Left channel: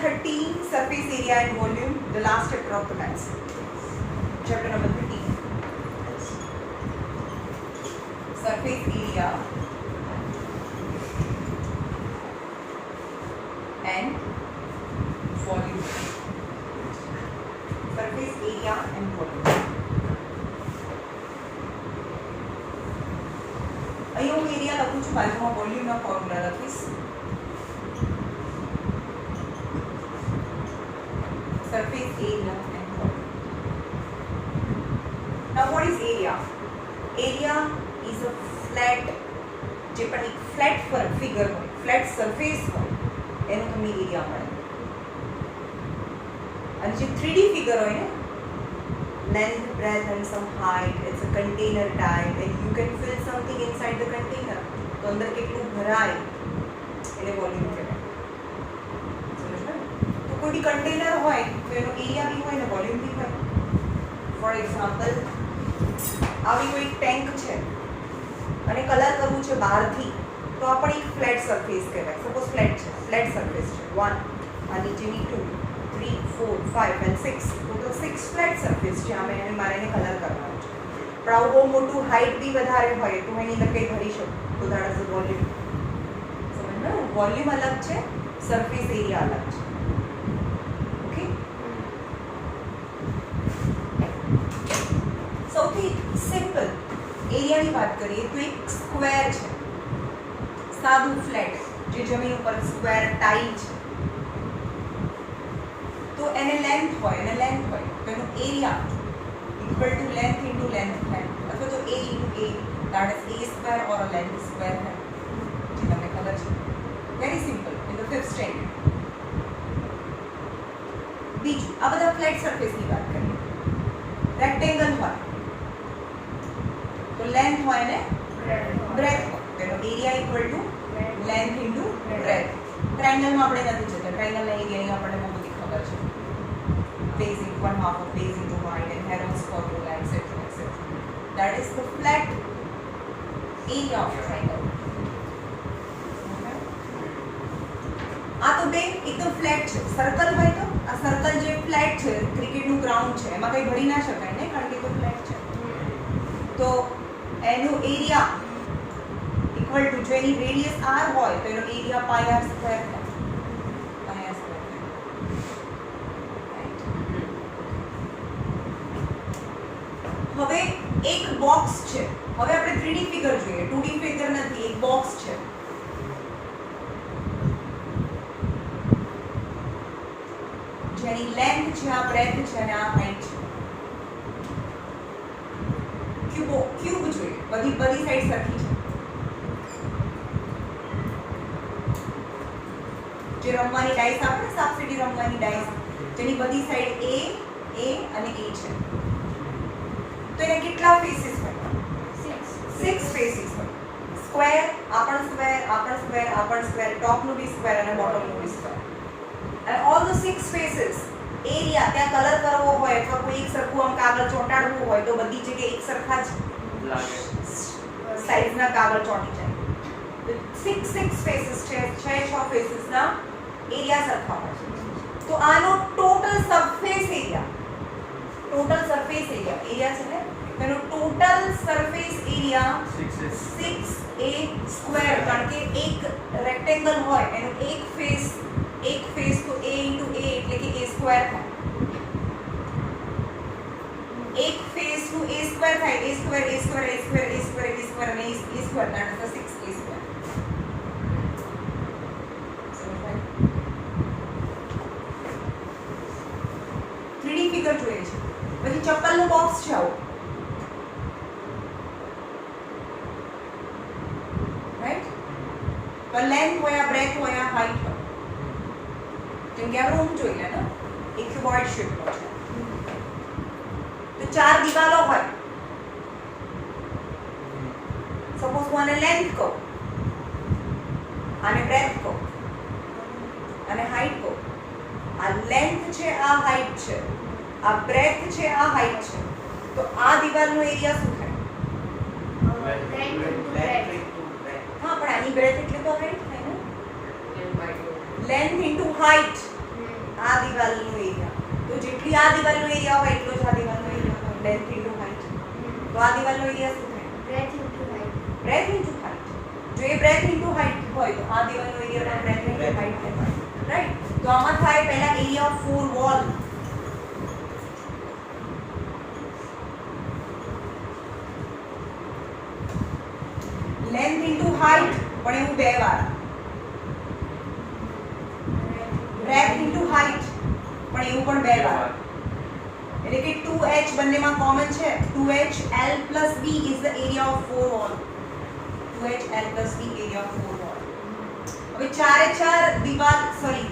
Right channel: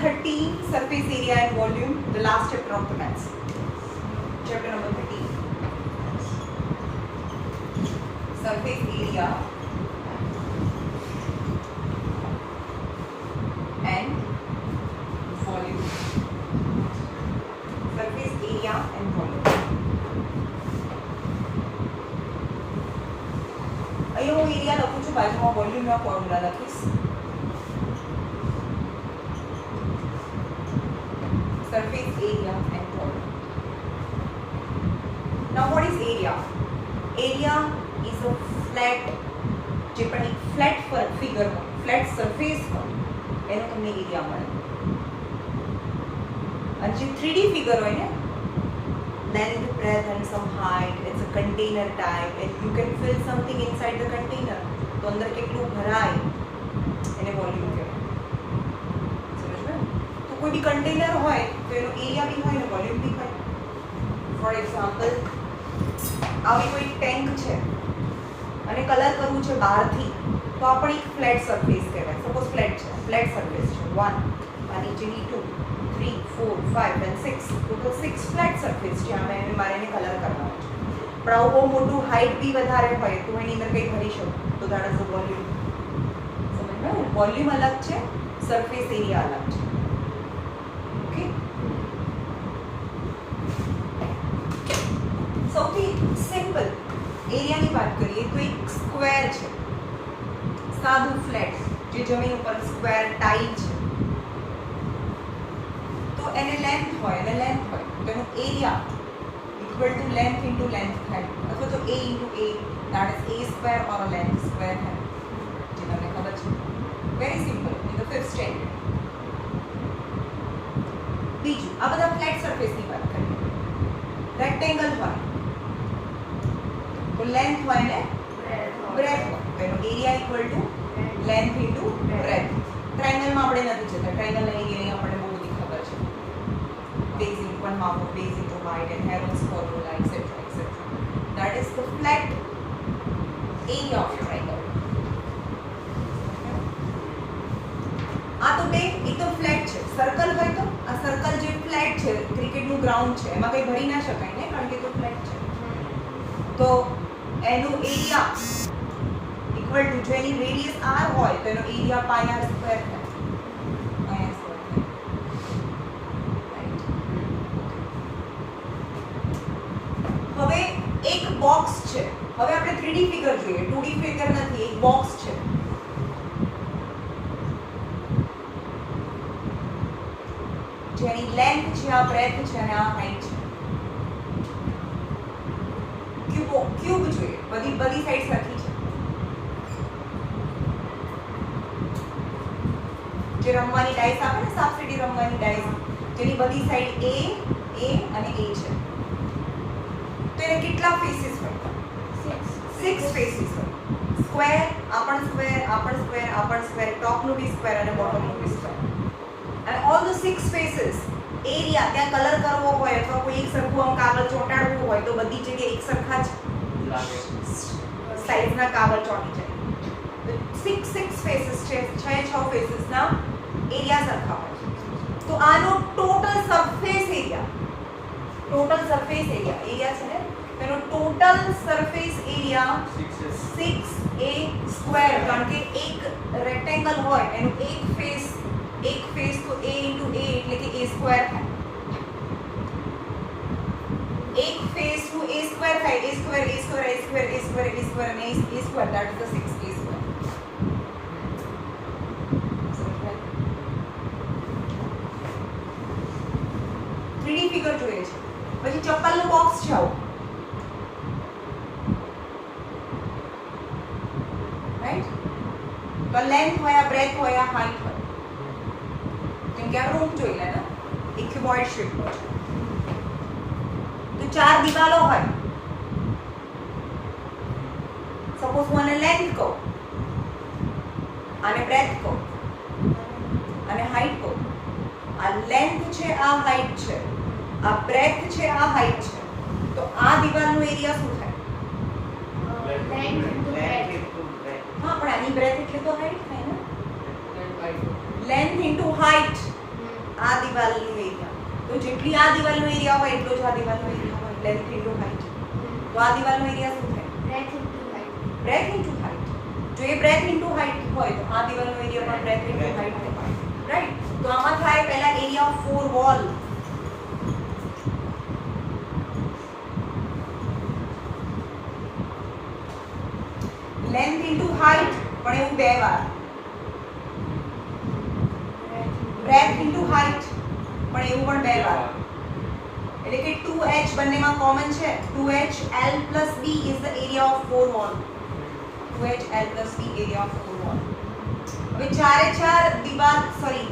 13, surface area and volume, the last chapter of the maths. Chapter number 13. Surface area and volume. Surface area and volume. અહીં હું area લખું છું, બાજુમાં વોલ્યુમનો formula લખીશ. Surface area and volume. Now what is area? Area is a flat, જે પણ એક flat figure હોય, ફ્લેટ સરફેસ હોય, એનો તમને એરિયા મળે. અને જે 3D ફિગર હોય ને, length, breadth and some height, it's a container type and you can fill something inside the container. તો અંદર કેટલું ભરાય એને વોલ્યુમ કહેવાય. તો કોઈ બી કન્ટેનર હોય તો એનો એરિયા બી હોય ને વોલ્યુમ બી હોય. ફોર એક્ઝામ્પલ, આવી કોઈ ટેન્ક છે અને કલર કરવું છે બહારથી, તો આપણે એક ફ્લેટ સરફેસ કહેવાય. સપોઝ ફ્લેટ છે, ફ્લેટ સરફેસ છે 1 આ નીચેની 2 3 4 5 and 6, ટોટલ 6 ફ્લેટ સરફેસ છે. આમે મારે એને કલર કરવાનો છે. પણ આવું બહુ મોટું હાઇટ બી વધારે હોય તો એની અંદર કંઈ ભરી શકું, તો દેટ ઇઝ ધ વોલ્યુમ. સમજ્યા? વોલ્યુમ અલગ છે, સરફેસ એરિયા અલગ છે. ઓકે, સૌથી સિમ્પલ એરિયાની વાત કરીએ તો એક સ્ક્વેર છે, સાદું ફ્લેટ જે જમીન ઉપર સ્ક્વેર ટાઇલ છે. તો એને લેન્થ હોય તો એનો area equal to length into length થાય, અથવા તો a into a, that is a square or a length square થાય. જે તમને ખબર છે, very simple in the 5th standard. બીજું, આ બધા ફ્લેટ સરફેસની વાત કરીએ. રેક્ટેંગલ હોય તો લેન્થ હોય ને બ્રેથ હોય, તો એનો area equal to length into breadth. ટ્રાયંગલમાં આપણે નથી જતા, ટ્રાયંગલના એરિયા આપણને બહુ બધી ખબર છે. base into 1/2 of base into height and Heron's formula, etc. etc. That is the flat area of a triangle. આ તો બે એકદમ ફ્લેટ છે. સર્કલ હોય તો આ સર્કલ જે ફ્લેટ છે, ક્રિકેટનું ગ્રાઉન્ડ છે, એમાં કંઈ ભરી ના શકાય ને, કારણ કે તો ફ્લેટ છે. તો એનું એરિયા ઇક્વલ ટુ, જો એની રેડિયસ r હોય તો એનો એરિયા πr² થાય. હવે એક બોક્સ છે. હવે આપણે 3D ફિગર જોઈએ, 2D ફિગર નથી. એક બોક્સ છે, જેની લેન્થ છે, આ બ્રેથ છે અને આ હાઈટ છે. ક્યુબ જોઈએ, બધી સાઈડ સરખી છે. જે રમવાની ડાઈસ આપણે ને, સાપસીડી રમવાની ડાઈસ, જેની બધી સાઈડ a અને a છે. તો એને કેટલા ફેસીસ હોય? 6 ફેસીસ હોય. સ્ક્વેર, આ પણ સ્ક્વેર, ટોપનું બી સ્ક્વેર અને બોટમનું બી સ્ક્વેર. અને ઓલ ધ 6 ફેસીસ એરિયા, ત્યાં કલર કરવો હોય અથવા કોઈ એક સરખું આમ કાગળ ચોંટાડવું હોય તો બધી જગ્યાએ એક સરખા જ સાઈઝના કાગળ ચોંટી જાય. તો 6 ફેસીસ છે, 6 ફેસીસના એરિયા સરખા હોય. તો આનો ટોટલ સરફેસ એરિયા છે ને, એનો ટોટલ સરફેસ એરિયા 6a², કારણ કે એક રેક્ટેંગલ હોય એનું એક ફેસ તો a ઇન્ટુ a એટલે કે a² થાય. એક ફેસ નું a² થાય, a² અને a², that is the 6a². 3D figure જોઈએ છે. પછી ચપ્પલનું બોક્સ છે આવું, રાઈટ? તો લેન્થ હોય, આ બ્રેથ હોય, આ હાઈટ હોય. જેમ કે આ રૂમ જોઈ લે ને, એક ક્યુબોઇડ શેપનો છે. તો 4 દિવાલો હોય. સપોઝ હું આને લેન્થ કહું, આને બ્રેથ કહું અને હાઈટ કહું. આ લેન્થ છે, આ હાઈટ છે, આ બ્રેથ છે, આ હાઈટ છે. તો આ દિવાલનો એરિયા શું થાય? હા, પણ આની બ્રેથ એટલે તો હાઈટ થાય ને. લેન્થ ઇન્ટુ હાઈટ આ દિવાલનો એરિયા, તો જેટલી આ દિવાલનો એરિયા હોય એટલો જ આ દિવાલનો એરિયા હોય, લેન્થ ઇન્ટુ હાઈટ. તો આ દિવાલનો એરિયા શું થાય? Breadth into height. Breadth into height. જો એ બ્રેથ ઇન્ટુ હાઈટ હોય તો આ દિવાલનો એરિયા પણ બ્રેથ ઇન્ટુ હાઈટ થાય, રાઈટ? તો આમાં થાય પહેલા area of four wall. Length into height પણ એવું બે વાર. બ્રેથ ઇન્ટુ હાઈટ પણ એવું પણ બે વાર. એટલે કે 2h બંનેમાં કોમન છે. 2h l plus b is the area of four wall. 2h l plus b area of four wall. હવે ચારે ચાર દિવાલ સોરી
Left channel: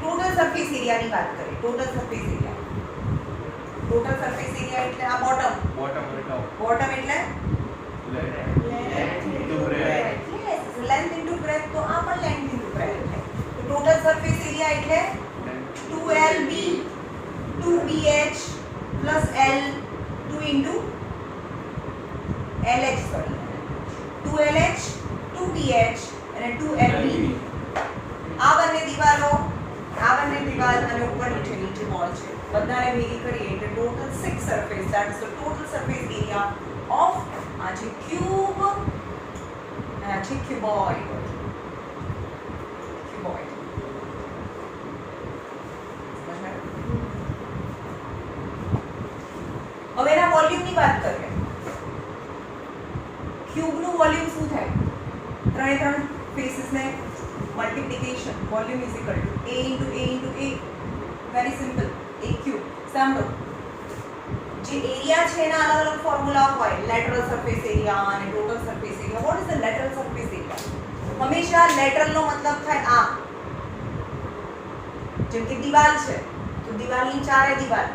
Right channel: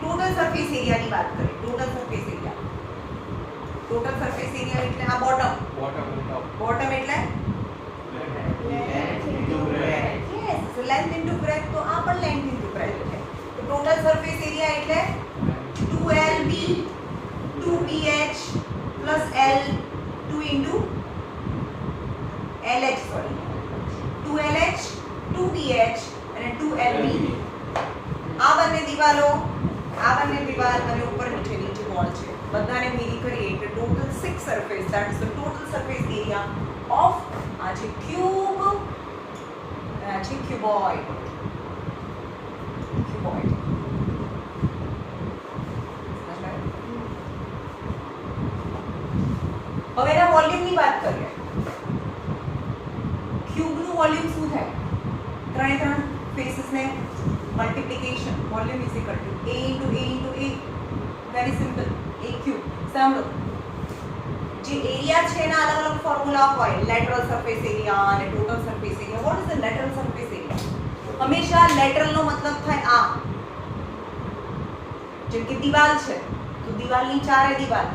ટોટલ સરફેસ એરિયાની વાત કરીએ. Total surface area. Total surface area એટલે આ બોટમ. બોટમ એટલે yes, so length into breadth તો આ પણ length into breadth છે. તો ટોટલ સરફેસ એરિયા એટલે 2lb 2bh plus l 2 into lh sorry 2lh 2bh અને 2lb. આ બંને દિવાલ અને ઉપર નીચે વોલ છે. બધાને ભેગી કરીએ એટલે total 6 surface, that is the total surface area of આ છે ક્યુબ અને આ છે ક્યુબોઇડ. હવે એના વોલ્યુમની વાત કરીએ. ક્યુબનું વોલ્યુમ શું થાય? ત્રણે ત્રણ ફેસીસને multiplication volume is equal to a into a into a. Very simple. a cube. સાંભળો, જે એરિયા છે એના અલગ અલગ ફોર્મ્યુલા હોય. લેટરલ સરફેસ એરિયા અને total surface area. What is the lateral surface area? હંમેશા લેટરલનો મતલબ થાય આ. જેમ કે દિવાલ છે તો દિવાલની ચારે દિવાલ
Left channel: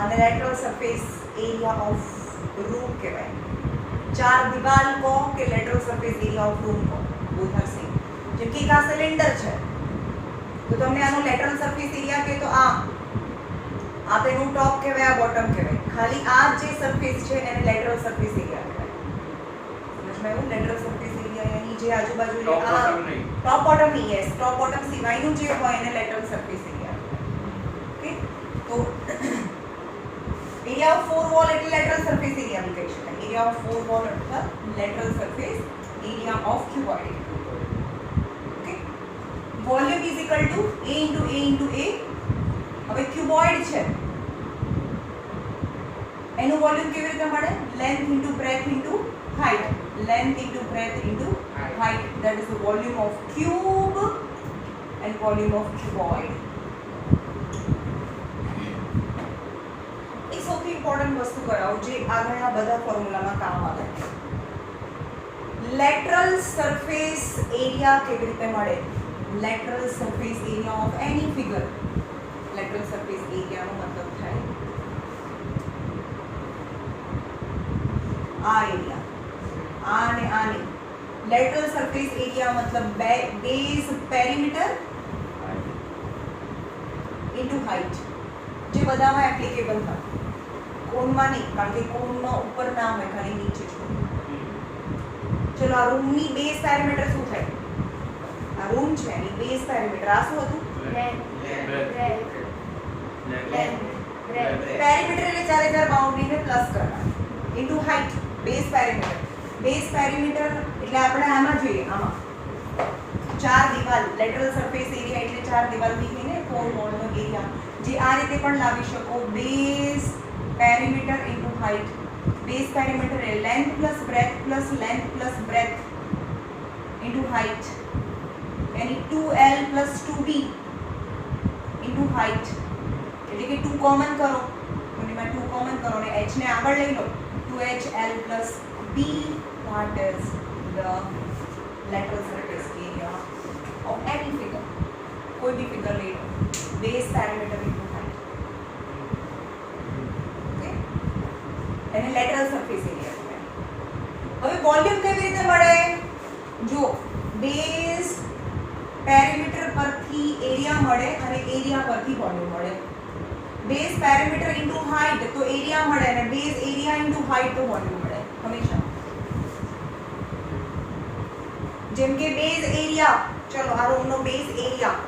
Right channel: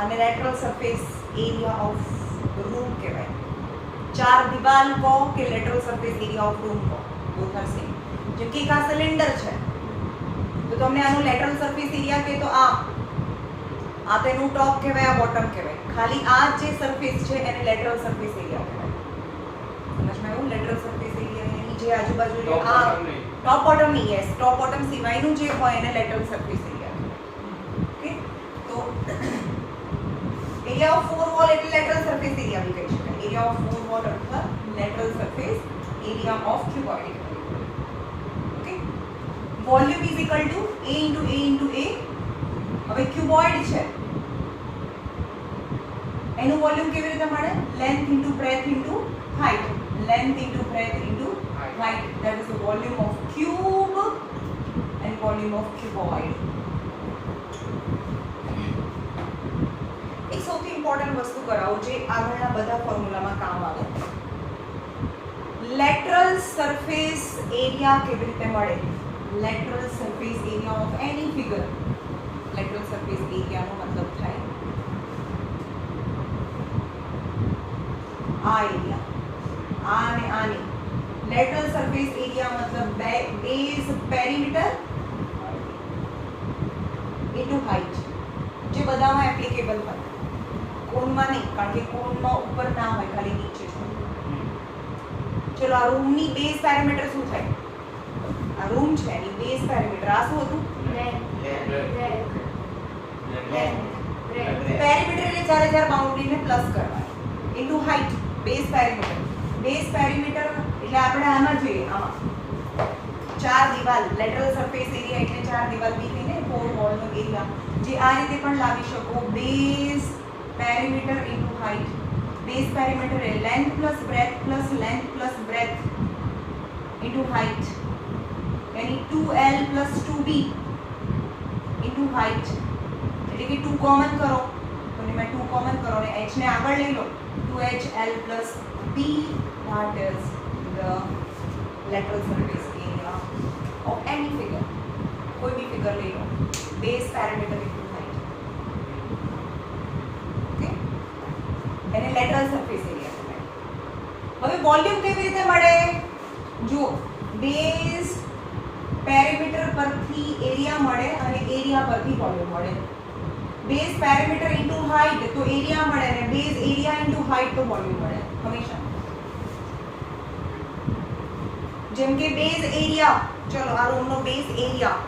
આને lateral surface area of room કહેવાય. ચાર દિવાલ કહો કે lateral surface area of room કહો, બોથ આર સેમ. જેમ કે એક આ સિલિન્ડર છે તો તમને આનો લેટરલ સરફેસ એરિયા કહે તો આ તો એનું ટોપ કહેવાય, આ બોટમ કહેવાય. ખાલી આ જે સરફેસ છે એને લેટરલ સરફેસ એરિયા કહેવાય. સમજમાં આવ્યું? લેટરલ સરફેસ એરિયા એની જે આજુબાજુ જે આ ટોપ બોટમ ની યસ ટોપ બોટમ સિવાયનું જે હોય એને લેટરલ સરફેસ એરિયા કહેવાય. ઓકે, તો એરિયા ઓફ ફોર વોલ એટલે લેટરલ સરફેસ એરિયા બી કહી શકાય. એરિયા ઓફ ફોર વોલ અથવા lateral surface area of cuboid. Okay, volume is equal to a into a into a. હવે ક્યુબોઇડ છે એનું વોલ્યુમ કેવી રીતે મળે? Length into breadth into height. Length into breadth into height, that is the volume of cube and volume of cuboid. એક સૌથી important વસ્તુ કરાવું જે આગળના બધા ફોર્મ્યુલામાં કામ આવે. લેટરલ સરફેસ એરિયા કેવી રીતે મળે? Lateral surface area of any figure. Lateral surface એરિયાનો મતલબ થાય આ એરિયા, આ અને આની. લેટરલ સરફેસ એરિયા મતલબ બેઝ પેરીમીટર ઇન્ટુ હાઈટ, જે બધામાં એપ્લિકેબલ હોય. કોનમાં નહીં, કારણ કે કોનમાં ઉપર ના હોય, ખાલી નીચે જ હોય. ચલો, આ રૂમની બેઝ પેરીમીટર શું થાય? આ રૂમ છે એની બેઝ પેરીમીટર આ શું હતું? પેરીમીટર એટલે ચારે ચાર બાઉન્ડ્રીને પ્લસ કરવાની ઇન્ટુ હાઈટ. બેઝ પેરીમીટર એટલે આપણે આમાં જોઈએ, આમાં ચાર દિવાલ લેટરલ સરફેસ એરિયા એટલે ચાર દિવાલ બીજીને ફોર વોલનો એરિયા, જે આ રીતે પણ લાવી શકો. Base perimeter into height. Base perimeter એટલે length plus breadth plus length plus breadth into height, यानी 2l plus 2b into height. એટલે કે 2 કોમન કરો તો એમાં 2 કોમન કરો અને h ને આગળ લઈ લો. 2hl plus b, that is the lateral surface area of any figure. कोई भी फिगर ले लो. base parameter into height. Okay, એને lateral surface area કહેવાય. હવે વોલ્યુમ કેવી રીતે મળે? જો બેઝ પેરીમીટર પરથી એરિયા મળે અને એરિયા પરથી વોલ્યુમ મળે. બેઝ પેરીમીટર ઇન્ટુ હાઈટ તો એરિયા મળે અને બેઝ એરિયા ઇન્ટુ હાઈટ તો વોલ્યુમ મળે હંમેશા. જેમ કે બેઝ એરિયા, ચલો આ રૂમનો બેઝ એરિયા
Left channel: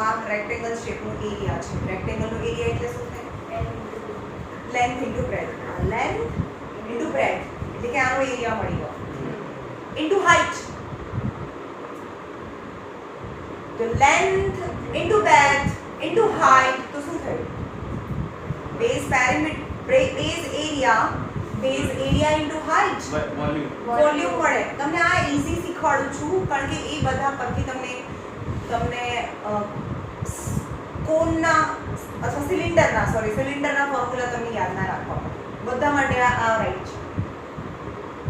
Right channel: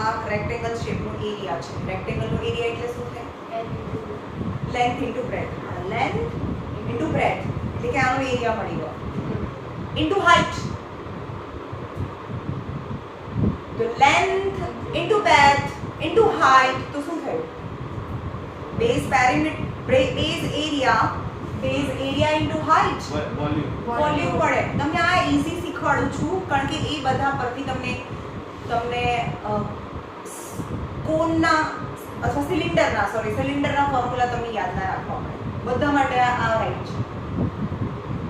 આ રેક્ટેંગલ શેપનો એરિયા છે. રેક્ટેંગલનો એરિયા એટલે શું થાય? Length into breadth. Length into breadth એટલે કે આનો એરિયા મળી ગયો ઇન્ટુ હાઇટ. તો length into breadth into height તો શું થયું? Base perimeter base area into height volume મળે. તમને આ ઈઝી શીખવાડું છું કારણ કે એ બધા પરથી તમને કોનના અથવા સિલિન્ડરના ફોર્મ્યુલા તમને યાદ ના રાખવા પડે. બધા માટે આ રાઈટ છે.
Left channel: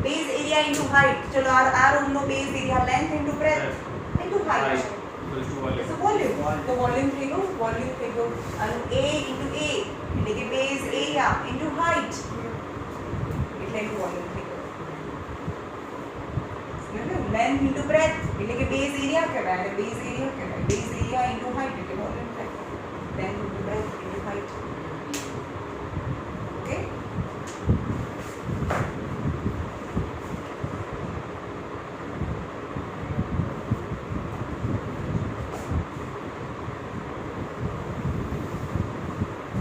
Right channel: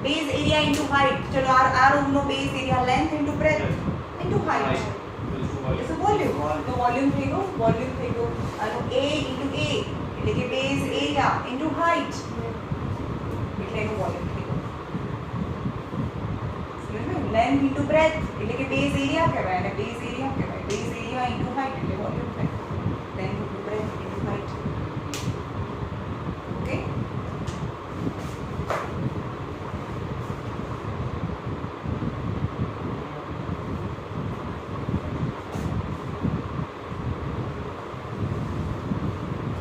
Base area into height. ચલો આ રૂમનો base area length into breadth into height છે. તો વોલ્યુમ. તો વોલ્યુમ થઈ ગયું. અને a ઇન્ટુ a એટલે કે બેઝ એરિયા ઇન્ટુ હાઇટ એટલે એનું વોલ્યુમ થઈ ગયું. લેન્થ ઇન્ટુ બ્રેથ એટલે કે બેઝ એરિયા કહેવાય અને બેઝ એરિયા ઇન્ટુ હાઇટ એટલે વોલ્યુમ થાય. Length into breadth into height. Okay.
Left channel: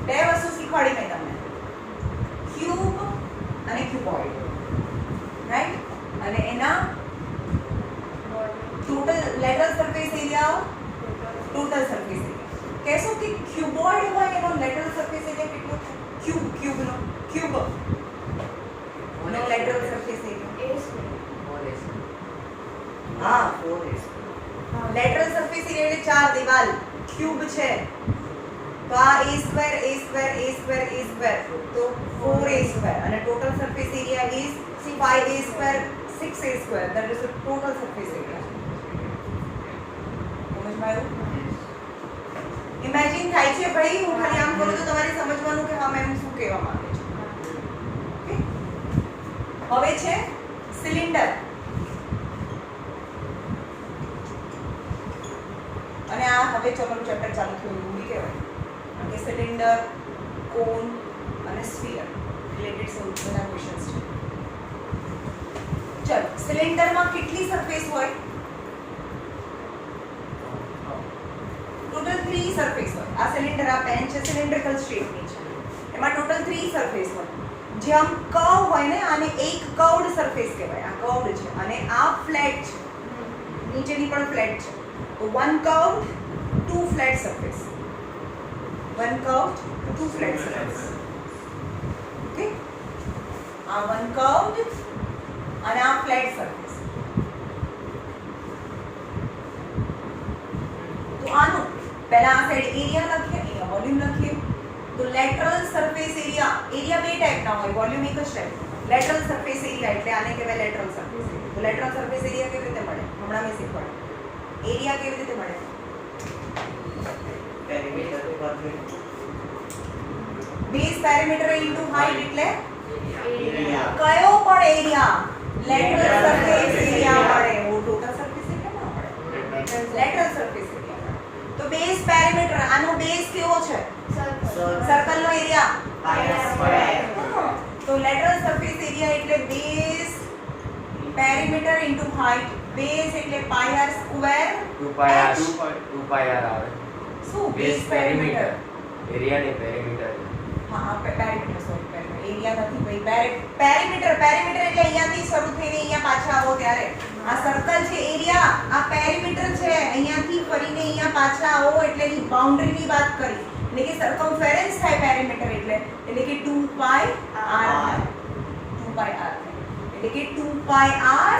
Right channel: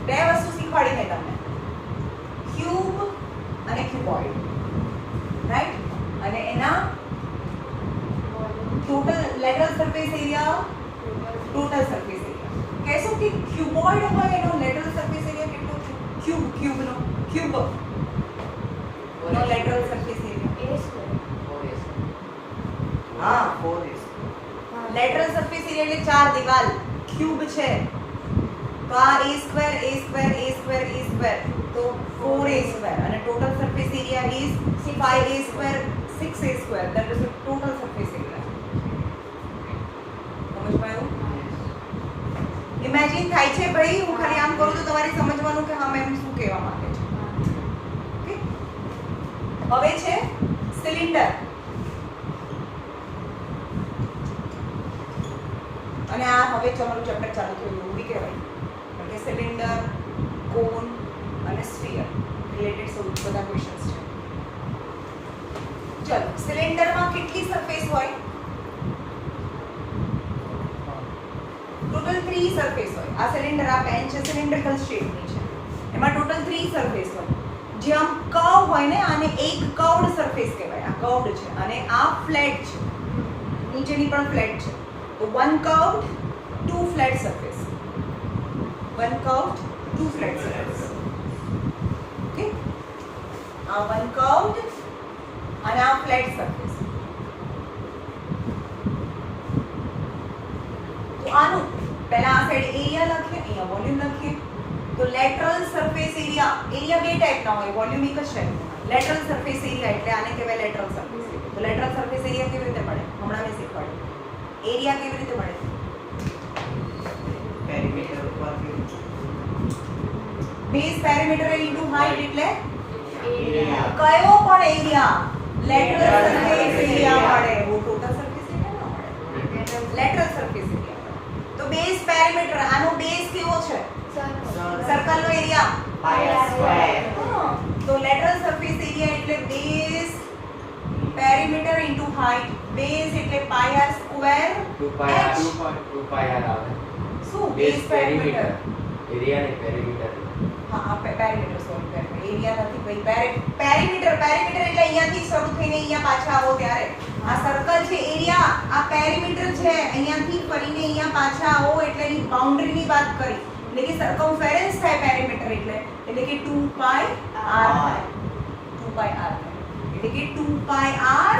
બે વસ્તુ શીખવાડી મેં તમને, ક્યુબ અને ક્યુબોઇડ, રાઈટ? અને એના total lateral surface area, total surface area. કહેશો કે ક્યુબોઇડ હોય એનો લેટરલ સરફેસ એરિયા કેટલો છે? ક્યુબ નો લેટરલ સરફેસ એરિયા હા 4a. લેટરલ સરફેસ એરિયા એટલે ચાર દિવાલ ક્યુબ છે તો આ a square તો 4a² અને total surface area is 5a² 6a². that is the total surface area. સમજમાં આવ્યું? ઇમેજિન થાય છે ભાઈ, હું ખાલી આમ કરું તો તમારે સમજવાનું કે હા મેમ શું કહેવા માંગે છે. ઓકે, હવે છે સિલિન્ડર. અને આ હવે તમારું ચેપ્ટર ચાલુ થયું એવું બી કહેવાય કારણ કે સિલિન્ડર, કોન અને સ્ફિયર રિલેટેડ બધા ક્વેશ્ચન્સ છે. ચલો, સિલિન્ડરમાં કેટલી સરફેસ હોય? ટોટલ 3 સરફેસ હોય. આ સિલિન્ડર, આ પેન છે સિલિન્ડ્રિકલ શેપની છે. એમાં ટોટલ 3 સરફેસ હોય. જે આમ કર્વ હોય ને આને એક કર્વડ સરફેસ કહેવાય. આ કર્વડ છે અને આ ફ્લેટ છે. નીચેની પણ ફ્લેટ છે. તો one curved, two flat surface. One curved, two flat surface. Okay? One curved and a flat surface. તો આનું પહેલા આ સાઈડ એરિયા લખીએ, અહીંયા વોલ્યુમ લખીએ. તો લેટરલ સરફેસ એરિયા બે ટાઈપના હોય, વોલ્યુમ એક જ ટાઈપનું હોય. લેટરલ સરફેસ એરિયા એટલે આને કહેવાય લેટરલ સરફેસ એરિયા. તો લેટરલ સરફેસ એરિયા કેવી રીતે મળે? હમણાં મેં શીખવાડ્યું. એરિયા કેવી રીતે મળે? Perimeter base perimeter into height એટલે એરિયા. કયો પણ એરિયા લેટરલ સરફેસ એરિયા મળે. ઓ ટોટલ સરફેસ એરિયા ના મળે, લેટરલ સરફેસ એરિયા મળે. તો બેઝ પેરીમીટર, આનો બેઝ કેવો છે? સર્કલ નો એરિયા πr². તો લેટરલ સરફેસ એરિયા એટલે base perimeter into height. Base એટલે πr² 2πr આવે. શું બેઝ પેરીમીટર? એરિયા ને પેરીમીટર. હા પેરીમીટર, સોરી પેરીમીટર. એરિયા નથી ભાઈ, પેરીમીટર એટલે અહીંયાથી શરૂ થઈને અહીંયા પાછા આવો ત્યારે. આ સર્કલ છે એરિયા, આ પેરીમીટર છે અહીંયાથી ફરીને અહીંયા પાછા આવો એટલે એની બાઉન્ડરીની વાત કરી. એટલે કે સર્કમફેરન્સ થાય પેરીમીટર એટલે કે 2πr. 2πr એટલે કે 2πr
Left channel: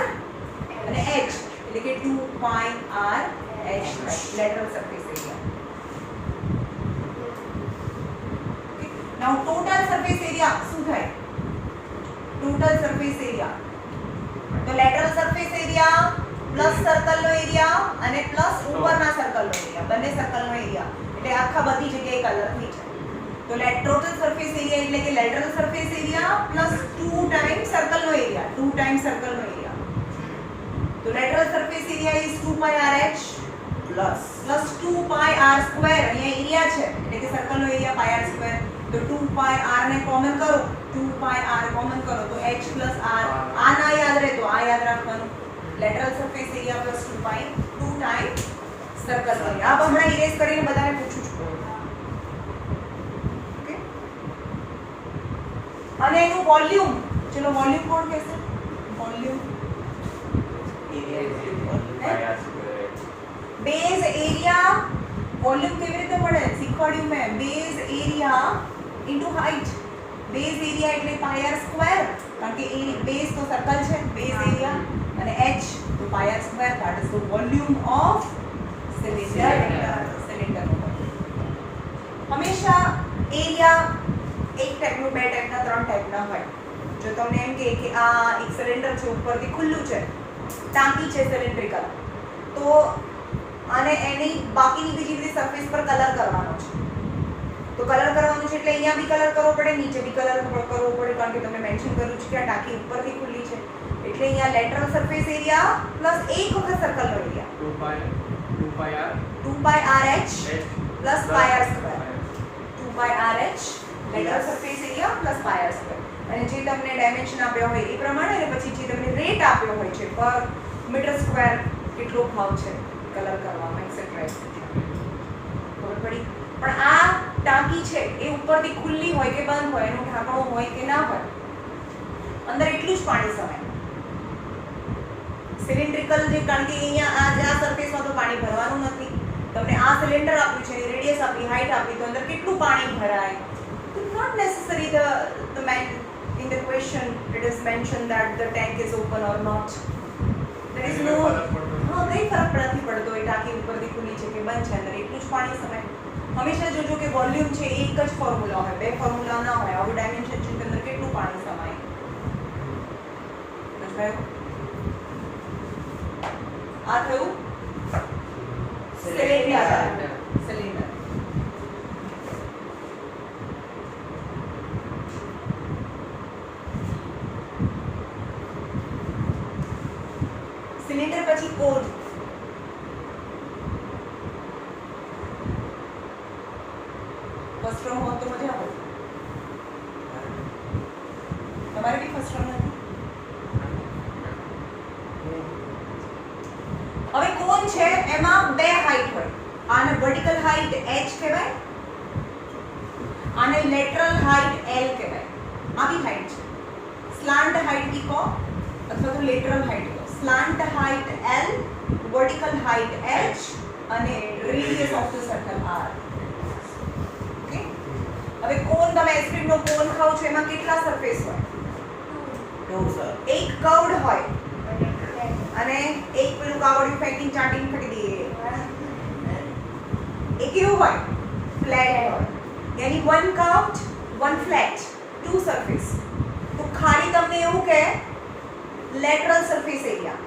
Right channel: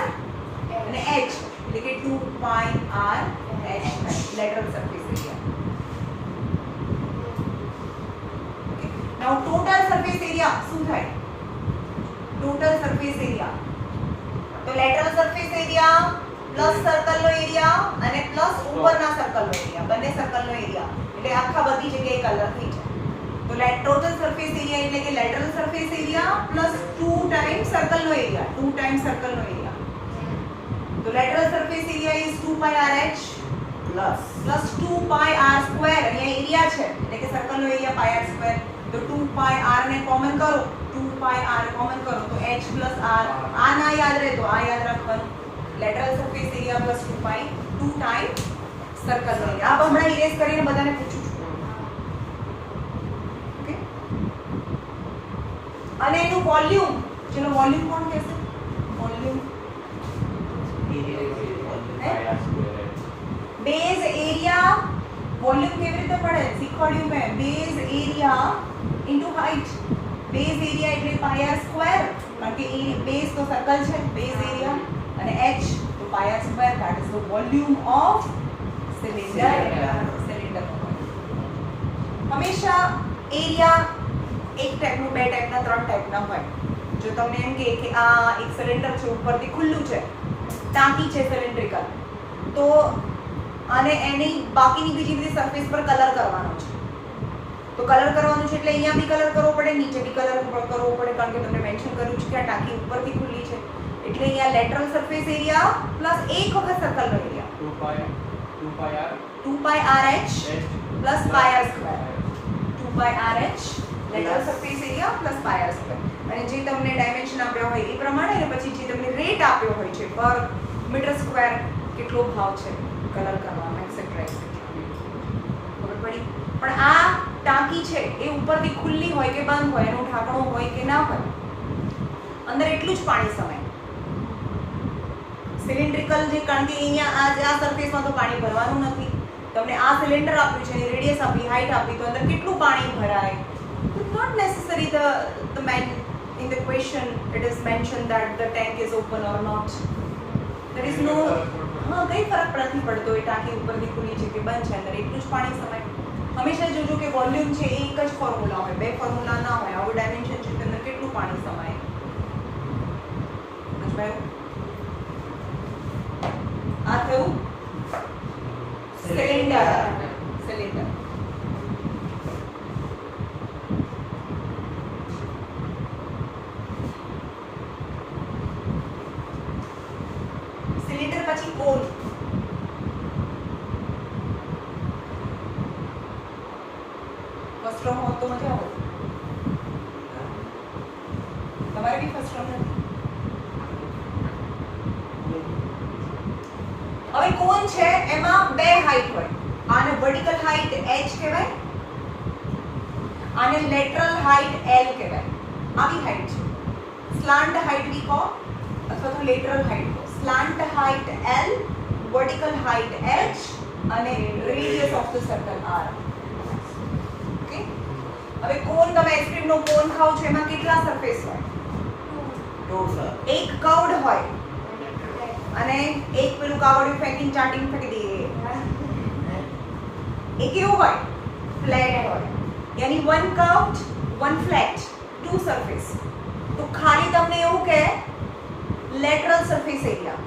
અને h એટલે કે 2πr h lateral surface area. Now total surface area શું થાય? ટોટલ સરફેસ એરિયા તો લેટરલ સરફેસ એરિયા પ્લસ સર્કલનો એરિયા અને પ્લસ ઉપરના સર્કલનો એરિયા, બંને સર્કલનો એરિયા એટલે આખા બધી જગ્યાએ કલર થઈ જાય. તો ટોટલ સરફેસ એરિયા એટલે કે lateral surface area plus 2 times સર્કલનો એરિયા, 2 ટાઈમ્સ સર્કલનો એરિયા. તો lateral surface area is 2πrh plus 2πr² અહીંયા એરિયા છે એટલે કે સર્કલ નો એરિયા πr². તો 2πr ને કોમન કરો, 2πr કોમન કરો તો h + r. આ ના યાદ રહે તો આ યાદ રાખવાનું. lateral surface area plus 2 time circle નો આ હમણાં ઇરેઝ કરીને બધાને પૂછું છું. ઓકે, અને એનું વોલ્યુમ, ચલો વોલ્યુમ કોણ કહેશે? Volume base area. વોલ્યુમ કેવી રીતે મળે શીખવાડ્યું મેં. Base area into height. Base area એટલે પાઈ આર સ્ક્વેર, કારણ કે એ બેઝ તો સર્કલ છે, બેઝ એરિયા, અને h તો pi r square, that is the volume of cylinder. હંમેશા એરિયા એક ટાઈપનું, બે ટાઈપના, ત્રણ ટાઈપના હોય. જો તમને એમ કે આ એક સિલિન્ડર છે, ઉપરથી ખુલ્લું છે, ટાંકી છે સિલિન્ડ્રિકલ, તો અને એની બાકીની બીજી બધી સરફેસ પર કલર કરવાનો છે. તો કલર કરવાનું છે એટલે અહીંયા બી કલર કરવો પડે, નીચે બી કલર કરવો પડે, કારણ કે તમને મેન્શન કર્યું છે કે આ ટાંકી ઉપરથી ખુલ્લી છે. એટલે અહીંયા લેટરલ સરફેસ એરિયા પ્લસ એક વખત સર્કલનો area 2 pi RH plus pi r square. 2 pi RH lateral surface area plus pi r square. અને જે તમને ડાયમેન્શન આપ્યો હોય એ પ્રમાણે, અને પછી જે તમને રેટ આપ્યો હોય છે પર મીટર સ્ક્વેર કેટલો ભાવ છે કલર કરવામાં, એટસેટ્રા. ખબર પડી? પણ આ ટાંકી છે એ ઉપરથી ખુલ્લી હોય કે બંધ હોય, એનું ઢાંકણું હોય કે ના હોય, અંદર એટલું જ પાણી સમાય. સિલિન્ડ્રિકલ જે, કારણ કે અહીંયા આ સરફેસમાં તો પાણી ભરવાનું નથી. તમને આ સિલિન્ડર આપ્યું છે, રેડિયસ આપી, હાઈટ આપી, તો અંદર કેટલું પાણી ભરાય? It's not necessary the man in the question it is mentioned that the tank is open or not. There is no, હા, કઈ ફરક નથી પડતો એ ટાંકી ઉપરથી ખુલ્લી છે કે બંધ છે, અંદર એટલું જ પાણી સમાય. હંમેશા જોજો કે વોલ્યુમ છે એ એક જ ફોર્મ્યુલા હોય, બે ફોર્મ્યુલા ના હોય. આવું ડાયમેન્શન છે અંદર કેટલું પાણી સમાય. સમજાયું? આ થયું સિલિન્ડર. સિલિન્ડર સિલિન્ડર પછી કોન. ફર્સ્ટ રોમાં તો મજા આવે. તમારે બી ફર્સ્ટ રોમ નથી. હવે કોન છે એમાં બે હાઈટ હોય. આને વર્ટિકલ હાઈટ h કહેવાય, આને લેટરલ હાઈટ l કહેવાય. આવી હાઈટ છે. સ્લાન્ટ હાઈટ બી કહો અથવા તો લેટરલ હાઈટ કહો. Slant height l, vertical height h, અને radius of the circle r. Okay, હવે કોન, તમે આઈસ્ક્રીમ નો કોન ખાઓ છો, એમાં કેટલા સરફેસ હોય? એક કર્વડ હોય અને એક પેલું કાવડિયું ફેંકીને ચાટીને ફેંકી દઈએ. એ કેવું હોય? ફ્લેટ હોય. યાની one curved, one flat, two surface. તો ખાલી તમને એવું કે લેટરલ સરફેસ એરિયા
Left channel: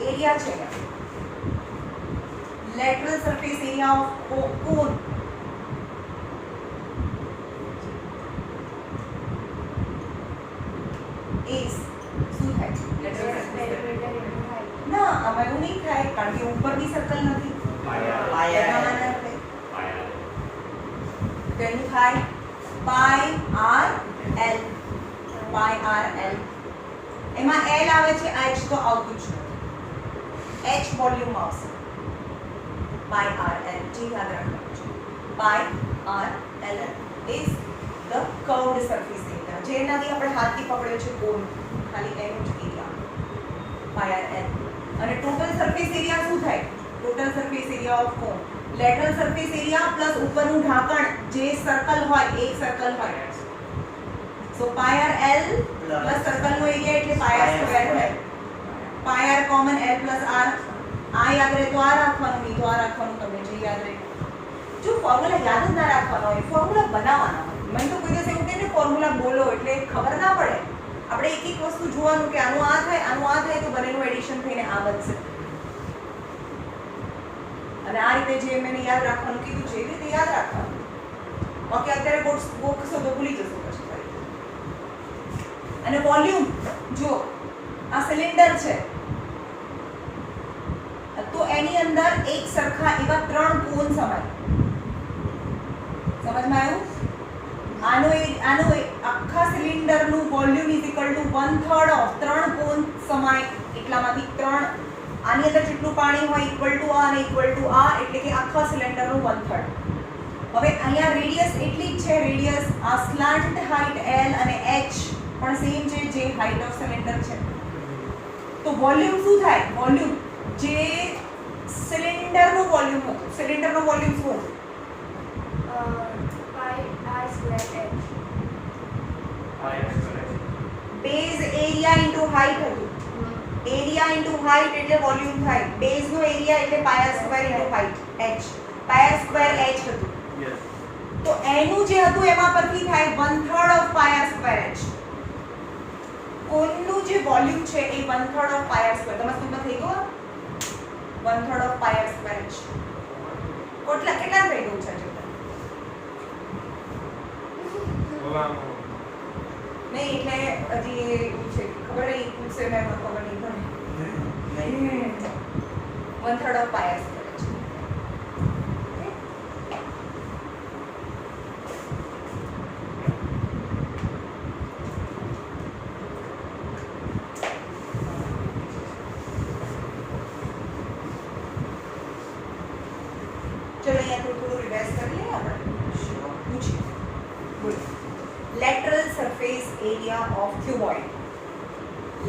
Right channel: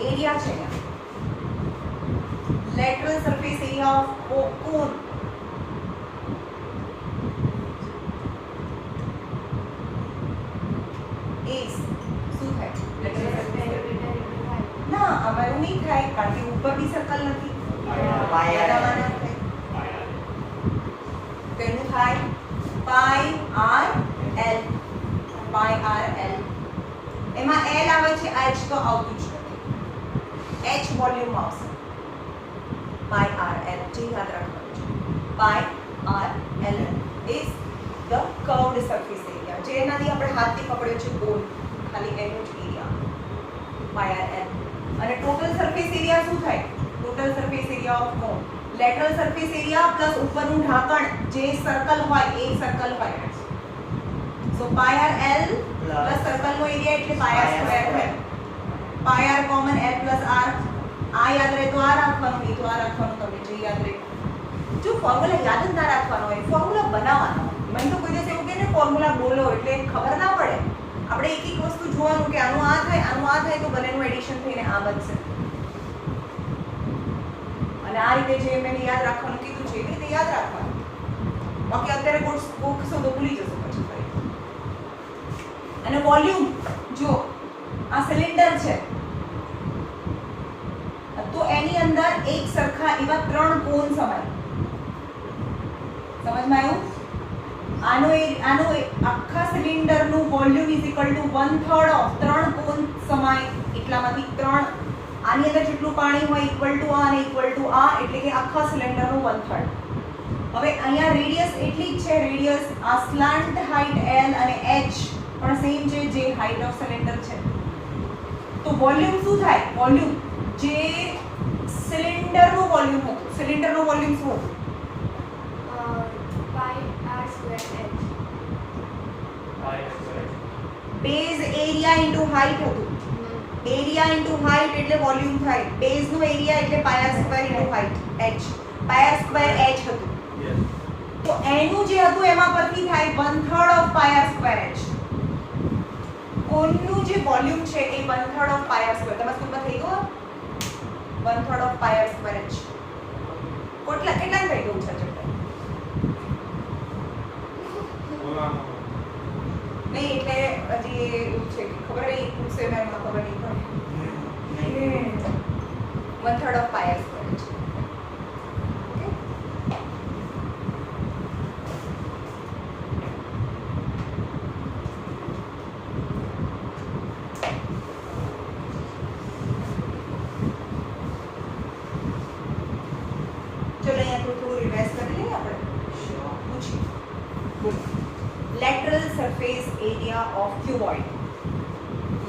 છે અહીંયા. Lateral surface area of cone is શું થાય? ના, આમાં એવું નહીં થાય, કારણ કે ઉપર બી સર્કલ નથી. તેનું થાય પાઈ આર એલ. પાઈ આર એલ. એમાં એલ આવે છે, આ h તો આવતું છે. h વોલ્યુમ આવશે. પાઈ આર એલ જે યાદ રાખવાનું છે. Pi r l is the curved surface area. જે એનાથી આપણે હાથથી પકડ્યો છે કોન, ખાલી એનો જ એરિયા. Pi r l. અને ટોટલ સરફેસ એરિયા શું થાય? Total surface area of cone lateral surface area plus ઉપરનું ઢાંકણ જે સર્કલ હોય, એક સર્કલ હોય. So pi r l plus સર્કલનો એરિયા એટલે પાઈ આર સ્ક્વેર થાય. Pi r common l plus r. આ યાદ રહે તો આ રાખવાનું, નહીં તો આ રાખવાનું. તમને જે યાદ રહે. જો ફોર્મ્યુલા યાદ જ ના રાખવાનો હોય, ફોર્મ્યુલા બનાવવાનો હોય. મને તો કોઈ દિવસ એવું કહે ને ફોર્મ્યુલા બોલો એટલે ખબર ના પડે. આપણે એક એક વસ્તુ જોવાનું કે આનું આ થાય, આનું આ થાય, તો બંનેનું એડિશન થઈને આ બનશે. અને આ રીતે જે મેં યાદ રાખવાનું કીધું છે એ રીતે યાદ રાખવાનું. બાકી અત્યારે ગોખશો તો ભૂલી જશો પછી ફરી. અને વોલ્યુમ, જો આ સિલિન્ડર છે તો એની અંદર એક સરખા એવા 3 કોન સમાય. સમજમાં આવ્યું? આનો આખા સિલિન્ડરનું volume is equal to 1/3 of 3 cone સમાય. એટલામાંથી 3 આની અંદર જેટલું પાણી હોય ઇક્વલ ટુ આ અને ઇક્વલ ટુ આ, એટલે કે આખા સિલિન્ડરનું 1/3. હવે અહીંયા રેડિયસ એટલી જ છે, રેડિયસ આ સ્લાન્ટ હાઇટ L અને H પણ સેમ છે જે હાઇટ ઓફ સિલિન્ડર છે. તો વોલ્યુમ શું થાય? વોલ્યુમ જે સિલિન્ડરનું વોલ્યુમ હતું, સિલિન્ડરનું વોલ્યુમ શું હતું? pi r square h. Base area into height હતું. એરિયા ઇન્ટુ હાઇટ એટલે વોલ્યુમ થાય. બેઝનો એરિયા એટલે pi r square into height h. Pi r square h હતું. તો એનું જે હતું એમાં પરથી થાય 1/3 of pi r square h. કોનનું જે વોલ્યુમ છે એ 1/3 ઓફ પાય આર સ્ક્વેર. તમારા સ્કૂલમાં થઈ ગયું 1/3 of pi r square h. કેટલા થઈ ગયું છે? નહીં એટલે હજી છે ખબર નહીં પૂછશે મેં ખબર નહીં પડે. 1/3 of pi r square h. चलो यहाँ थोड़ा रिवाइज कर लिए આપણે પૂછીએ. બોલો. lateral surface area of cuboid.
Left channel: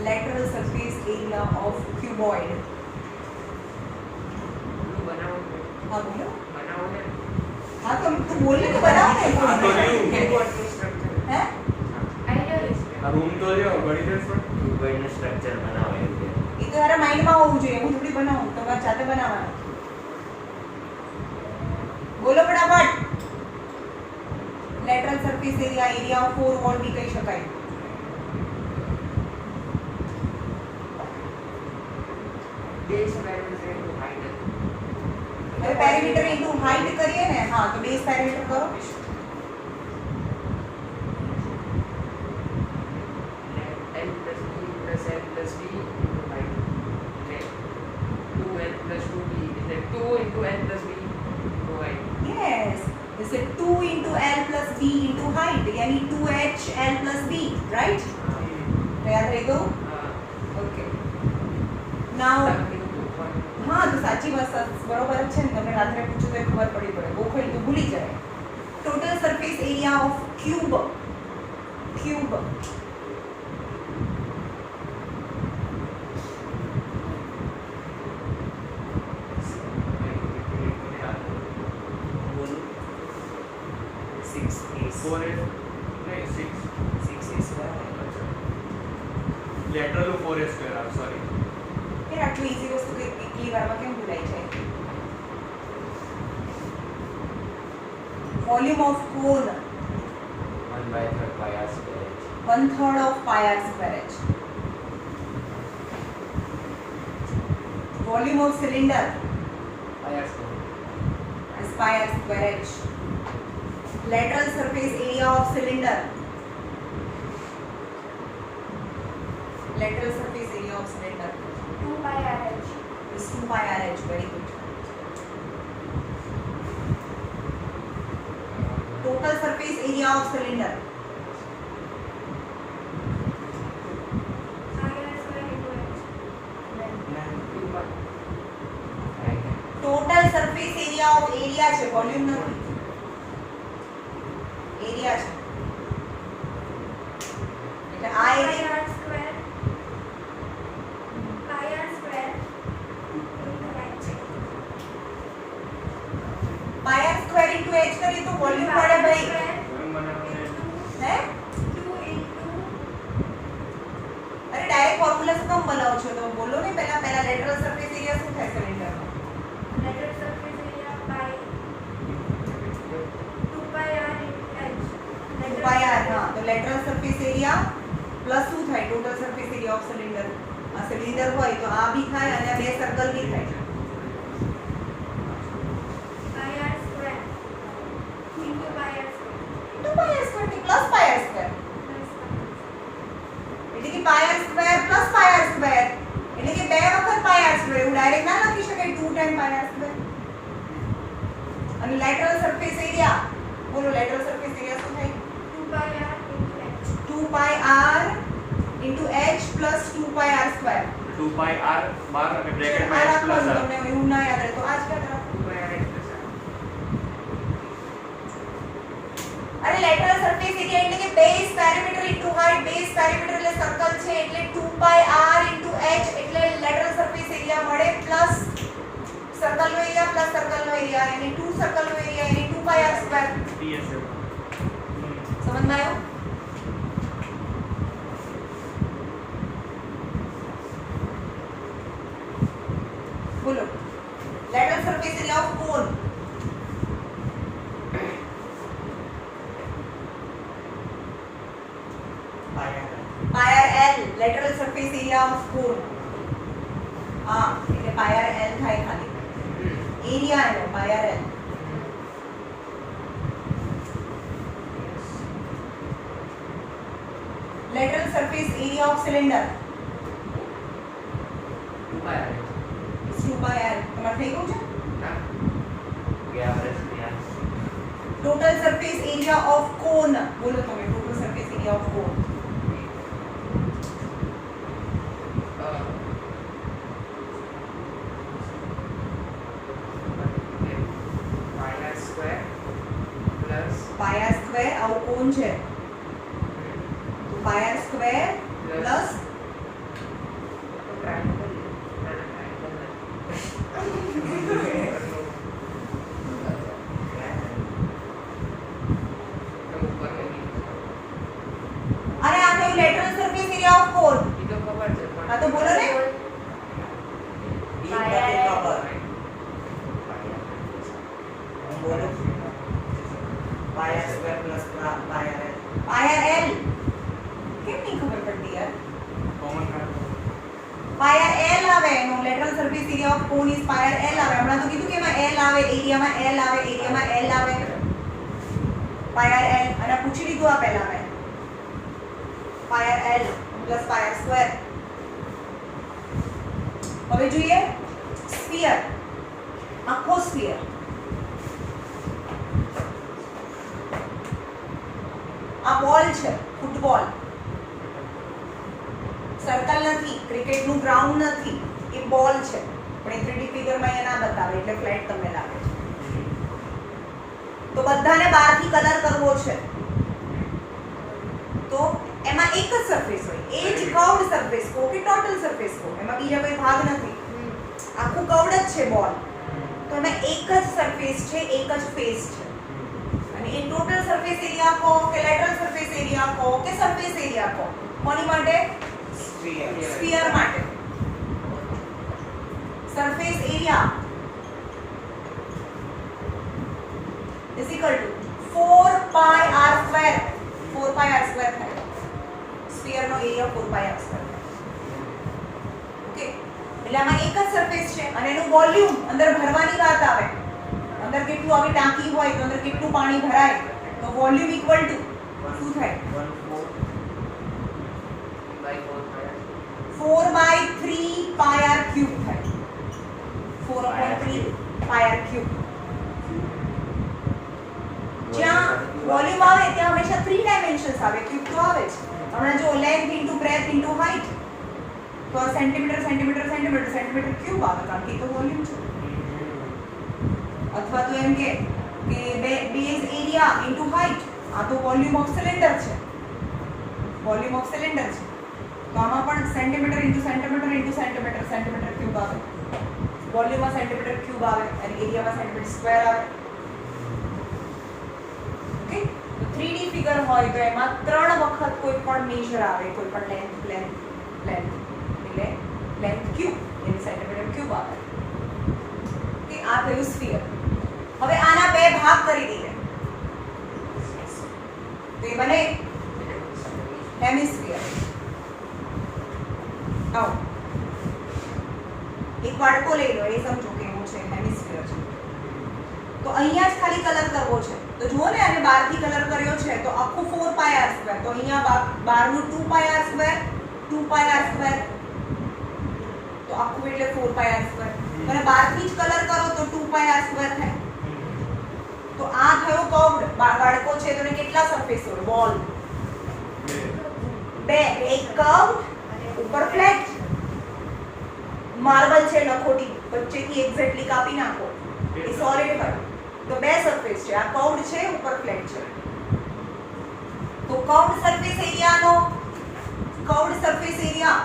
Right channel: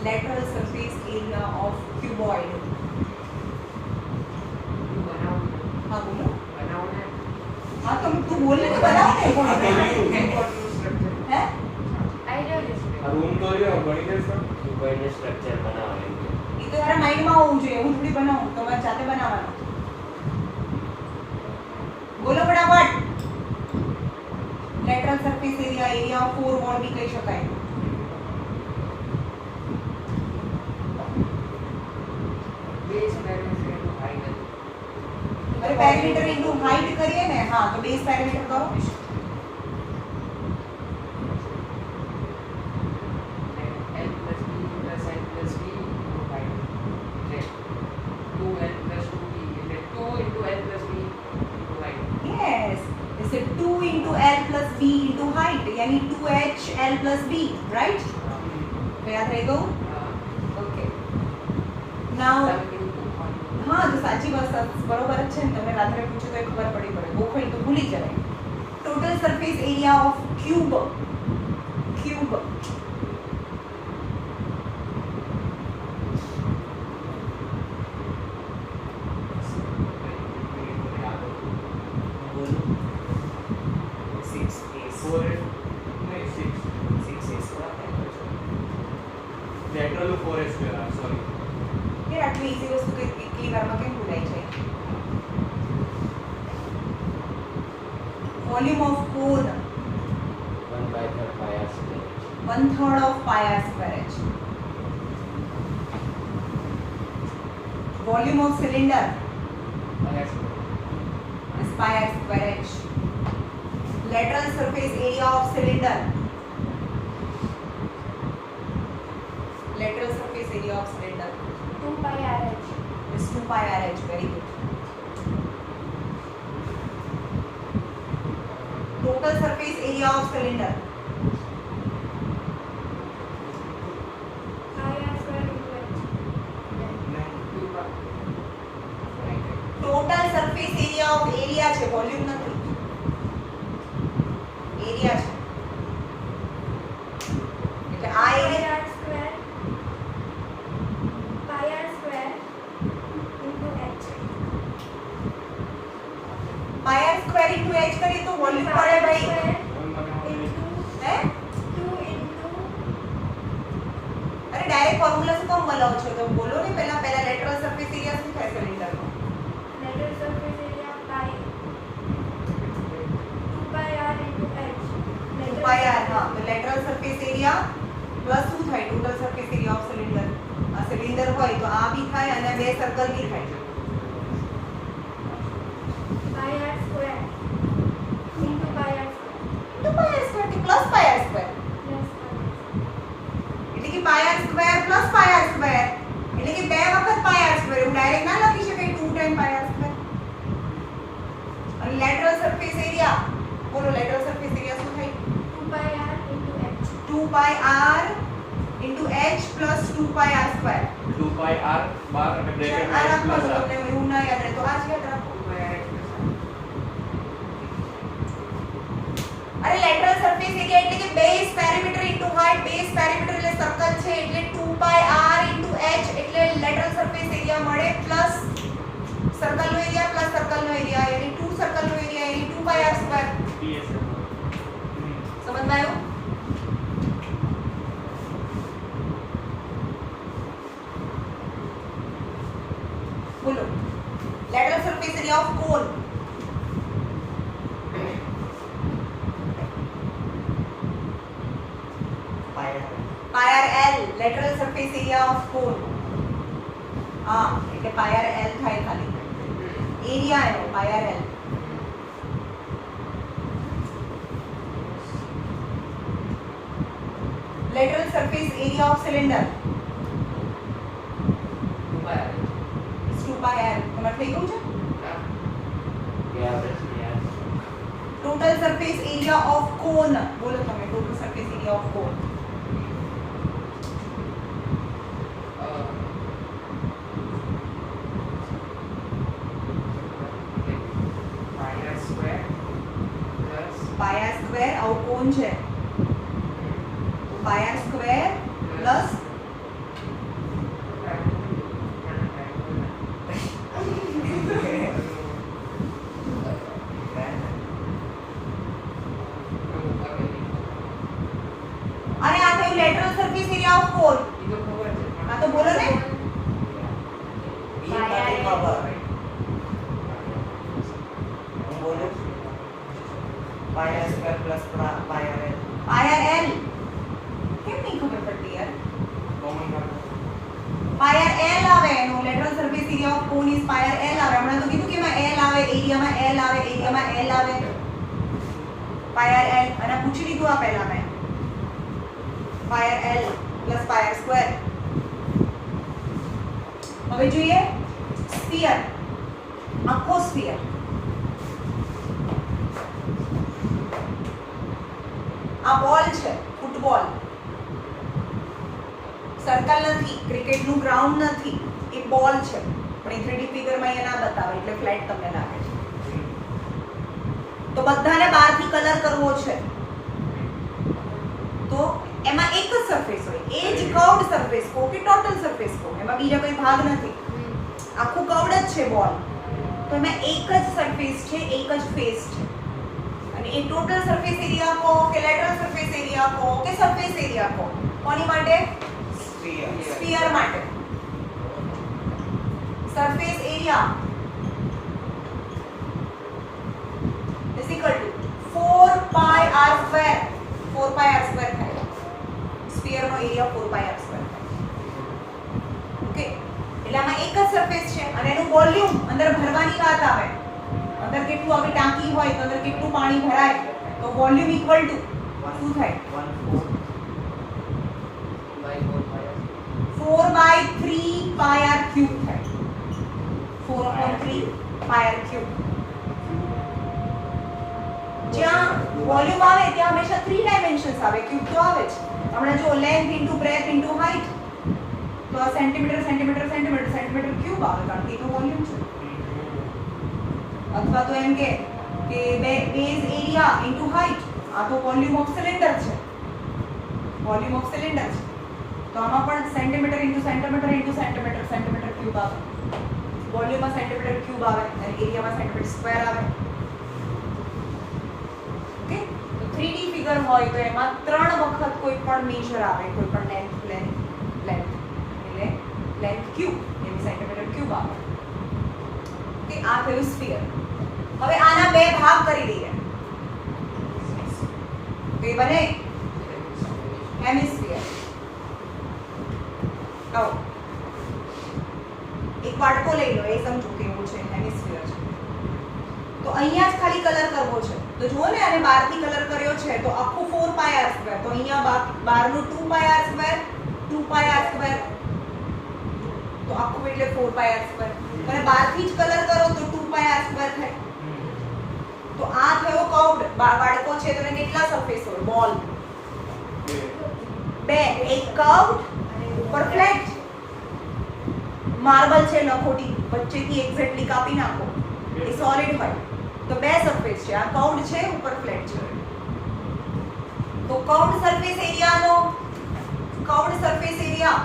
lateral surface area of cuboid. हाँ बोलो. हाँ तुम तू बोलने तो बनाओ ना. हैं? રૂમ તો લ્યો ગણિત ક્યુબોઇડનું સ્ટ્રક્ચર બનાવે એમ કે. એ તો તારા માઇન્ડમાં હોવું જોઈએ. હું થોડી બનાવું, તમારે જાતે બનાવવાનું. બોલો ફટાફટ. Lateral surface area, area of 4 wall બી કહી શકાય. અરે પેરીમીટર ઇન્ટુ હાઇટ કરીએ ને. હા તો બેઝ પેરીમીટર કરો. Yes, is it 2 into L plus B into height, यानी 2H L plus B, right? तो याद रहेगा? Okay. Now, हाँ तो સાચી વાત બરોબર જ છે ને. તમે રાત્રે પૂછો તો ખબર પડી પડે. ગોખડી તો ભૂલી જાય. Total surface area of cube. Lateral 4 square sorry. કે આટલી ઈઝી વસ્તુ તો એકલી વારમાં કેમ ભૂલાઈ જાય? Volume of cone 1/3 pi r square h. 1/3 of pi r square h. Volume of cylinder is pi r square h. Lateral surface area of cylinder. Lateral surface area of cylinder 2 pi r h. is 2 pi r h. Very good. Total surface area of cylinder. Pi r square into h. Total surface area of area છે, volume નથી. Area છે. એટલે આ Pi area r square. Pi r square into h. પાય r square into h કરીએ તો volume પડે ભાઈ. હે? 2 into અરે ડાયરેક્ટ ફોર્મ્યુલા શું કામ બોલાવો છો? તો બોલો ને પહેલા લેટરલ સરફેસ એરિયા શું થાય સિલિન્ડરનો? lateral surface area pi 2 pi r into h. 2 પાય r. હા તો લેટરલ સરફેસ એરિયા પ્લસ શું થાય? Total surface area of cylinder. આ સિલિન્ડર હોય તો આ બી થાય અને બે સર્કલ બી થાય. Pi r square into pi r square 2 પાય r સ્ક્વેર થી પ્લસ પાય r સ્ક્વેર. plus એટલે કે પાય r સ્ક્વેર પ્લસ પાય r સ્ક્વેર. એટલે કે બે વખત પાય r સ્ક્વેર. એવું ડાયરેક્ટ ના લખી શકાય 2 ટાઈમ પાય r સ્ક્વેર. અને લેટરલ સરફેસ એરિયા બોલો. લેટરલ સરફેસ એરિયા શું થાય? 2 pi r into h. 2 પાય r into h plus 2 pi r square 2 pi r બાર અને બ્રેકેટ આ માં h રાખો પ્લસ r તમને એવું ના યાદ રહે તો આ જ યાદ રાખો અરે લેટરલ સરફેસ એરિયા એટલે કે base perimeter into height base perimeter એટલે સર્કલ છે એટલે 2 pi r ઇન્ટુ h એટલે લેટરલ સરફેસ એરિયા મળે પ્લસ સર્કલ નો એરિયા પ્લસ સર્કલ નો એરિયા એટલે 2 સર્કલ નો એરિયા એટલે 2 pi r સ્ક્વેર ps સમજમાં આવ્યું બોલો lateral surface area of cone pi r l lateral surface area of cone એટલે pi r l થાય ખાલી area એનો pi r l lateral surface area of cylinder 2 pi r તમારે થઈ ગયું છે ગયા વર્ષની આ total surface area of cone બોલો તમે total surface area of cone pi r square આવો કોન છે તો pi r square plus અને આ થયું lateral surface area of cone આ તો બોલો ને pi r l કેમ નહીં ખબર પડતી યાર pi r l આવે એનો lateral surface area of cone is pi r l આવે હમણાં તો કીધું કે એમાં l આવે એરિયામાં l આવે એરિયામાં l આવે pi r l અને પૂછી લીધું આ પહેલા મેં pi r l plus pi r square હવે જોઈએ સ્ફિયર આખો સ્ફિયર આ બોલ છે ફૂટબોલ સર્કલ નથી ક્રિકેટનું ગ્રાઉન્ડ નથી એ બોલ છે પણ એ 3D ફિગરમાં અહીંયા ના બતાવે એટલે ફ્લેટ તમને લાગે છે તો બધાને બહારથી કલર કરવો છે તો એમાં એક જ સરફેસ હોય એ જ કર્વડ સરફેસ કો કે ટોટલ સરફેસ કો એમાં બીજા કોઈ ભાગ નથી આખું કર્વડ જ છે બોલ તો એમાં એક જ સરફેસ છે એક જ ફેસ છે અને એ ટોટલ સરફેસ એરિયા કો કે લેટરલ સરફેસ એરિયા કો કે સરફેસ એરિયા કો કોની માટે સ્ફિયર માટે surface area is equal to 4 pi r square 4 pi r square થાય સ્ફિયર નો એરિયા 4 pi r square થાય ઓકે એટલે આમાં એક જ સરફેસ છે અને એનું વોલ્યુમ અંદર ભરવાની વાત આવે અંદર કેટલું આવે ટાંકી હોય તો અંદર કેટલું પાણી ભરાય તો વોલ્યુમ ઇક્વલ ટુ શું થાય 4 by 3 pi r cube થાય 4/3 pi r cube જ્યાં વોલ્યુમ આવે ત્યાં હંમેશા 3 ડાયમેન્શન્સ આવે ક્યુબ તો આવે જ હમણાં જો length into breadth into height તો આ centimetre centimetre centimetre centimetre cube આવે કારણ કે તો વોલ્યુમ છે અથવા તો એમ કે બેઝ એરિયા ઇન્ટુ હાઇટ આ તો વોલ્યુમ ઓફ સિલિન્ડર છે વોલ્યુમ ઓફ સિલિન્ડર છે તો આમાં પણ centimetre into centimetre into centimetre centimetre cube આવે વોલ્યુમમાં સેન્ટીમીટર ક્યુબ આવે અને એરિયામાં સેન્ટીમીટર સ્ક્વેર આવે ઓકે તો 3D ફિગર હોય તો એમાં 3 વખત કોઈ પણ મેજર આવે કોઈ પણ લેન્થ એટલે લેન્થ ક્યુબ એટલે સેન્ટીમીટર ક્યુબ આવે કે આ થયું સ્ફિયર હવે આના બે ભાગ કરી દઈએ તો એ બને હેમિસ્ફિયર એક વાડકો લઈ લો એ સમજો કે એવું છે હેમિસ્ફિયર છે તો અહીંયા જ ખાલી કલર કરવો છે તો જુઓ ને આને બહારથી કલર કર્યો છે તો આખું 4 pi r સ્ક્વેર તો અહીંયા બહારનું 2 pi r square 2 pi r square તો આખું એટલે 4 pi r સ્ક્વેર અને બહારથી જ કલર કરો તો 2 pi r સ્ક્વેર થાય તો આ થયો કર્વડ વાડકો છે તો એને કેટલા સરફેસ હોય બોલ બે, એક કર્વ ઉપર ફ્લેટ. માર્બલ છે લખોટી, વચ્ચેથી એક્ઝેક્ટલી કાપી નાખો, એ સોલિડ હોય તો બે સરફેસ છે. આ કર્વડ છે, ઉપર ફ્લેટ છે. તો કર્વડ સરફેસ એરિયાનો curved surface area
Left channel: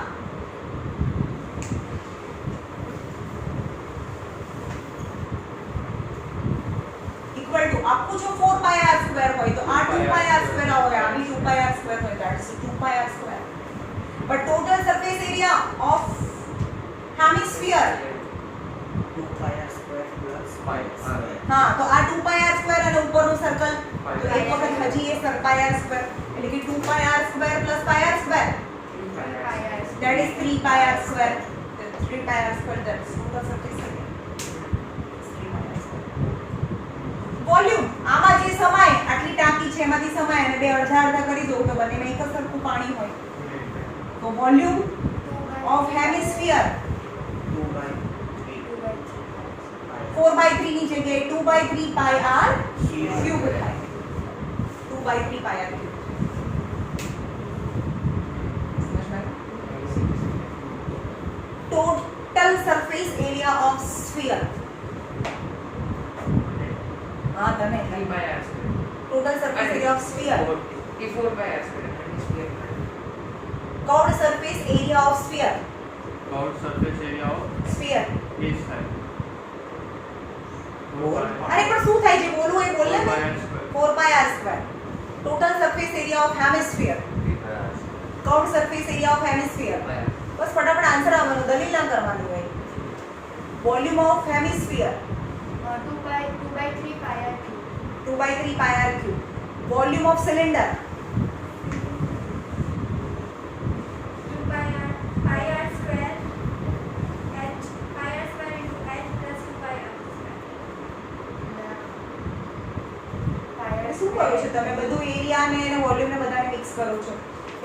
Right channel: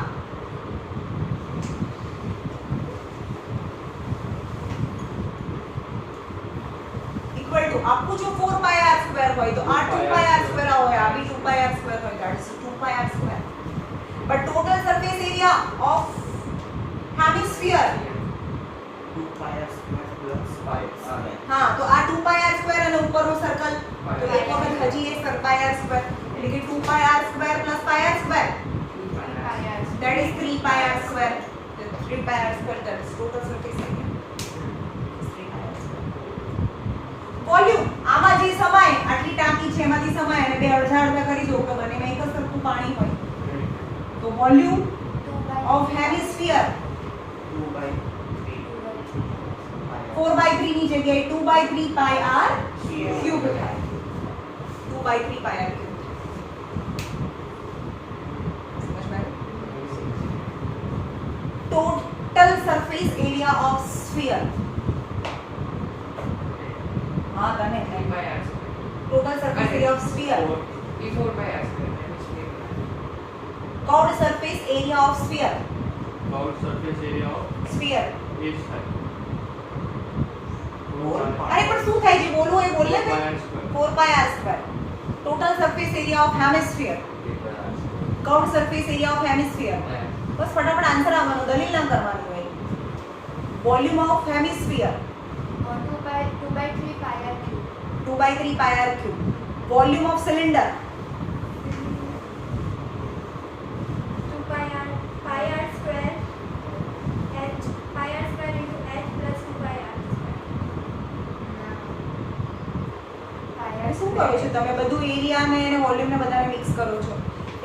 equal to આપું જો 4 પાઈ આર સ્ક્વેર હોય તો આ 2 પાઈ આર સ્ક્વેર હોય, આ બી 2 પાઈ આર સ્ક્વેર હોય, that is 2 pi r square. But total surface area of hemisphere, 2 pi r square plus 5 r. હા, તો આ 2 પાઈ આર સ્ક્વેર અને ઉપરનો સર્કલ, તો એક વખત હજી એ પાઈ આર સ્ક્વેર, એટલે કે 2 pi r square plus pi r square, that is 3 pi r square. 3 pi r square, that is total surface area. Volume, આમાં જે સમાય, આટલી ટાંકી છે એમાંથી સમાય અને બે અડધા અડધા કરી દો તો બંનેમાં એક જ સરખું પાણી હોય. તો વોલ્યુમ ઓફ હેમિસ્ફિયર 2 by 4/3 ની જગ્યાએ 2/3 પાઈ આર ક્યુબ થાય. 2/3 pi r cube. Total surface area of sphere, હા તને 3 by r square. Total surface area of sphere, E 4 by r square. Hemisphere. Curved surface area of sphere, Curved surface area of sphere. each side. અરે પણ શું થાય છે બોલવું એ બોલ ને 4 pi ભાઈ. r square. 4 pi r square. Total surface area of hemisphere, curved surface area of hemisphere. બસ ફટાફટ આન્સર આવવાનો, દલીલ ના કરવાની હોય. Volume of hemisphere 2 by 3 pi r cube. 2/3 pi r cube. Volume of cylinder 2 pi r square h pi r square into h plus 2 pi r એ શું કરો છો તમે? બધું એરિયા ને એને વોલ્યુમ ને બધાને મિક્સ કરો છો.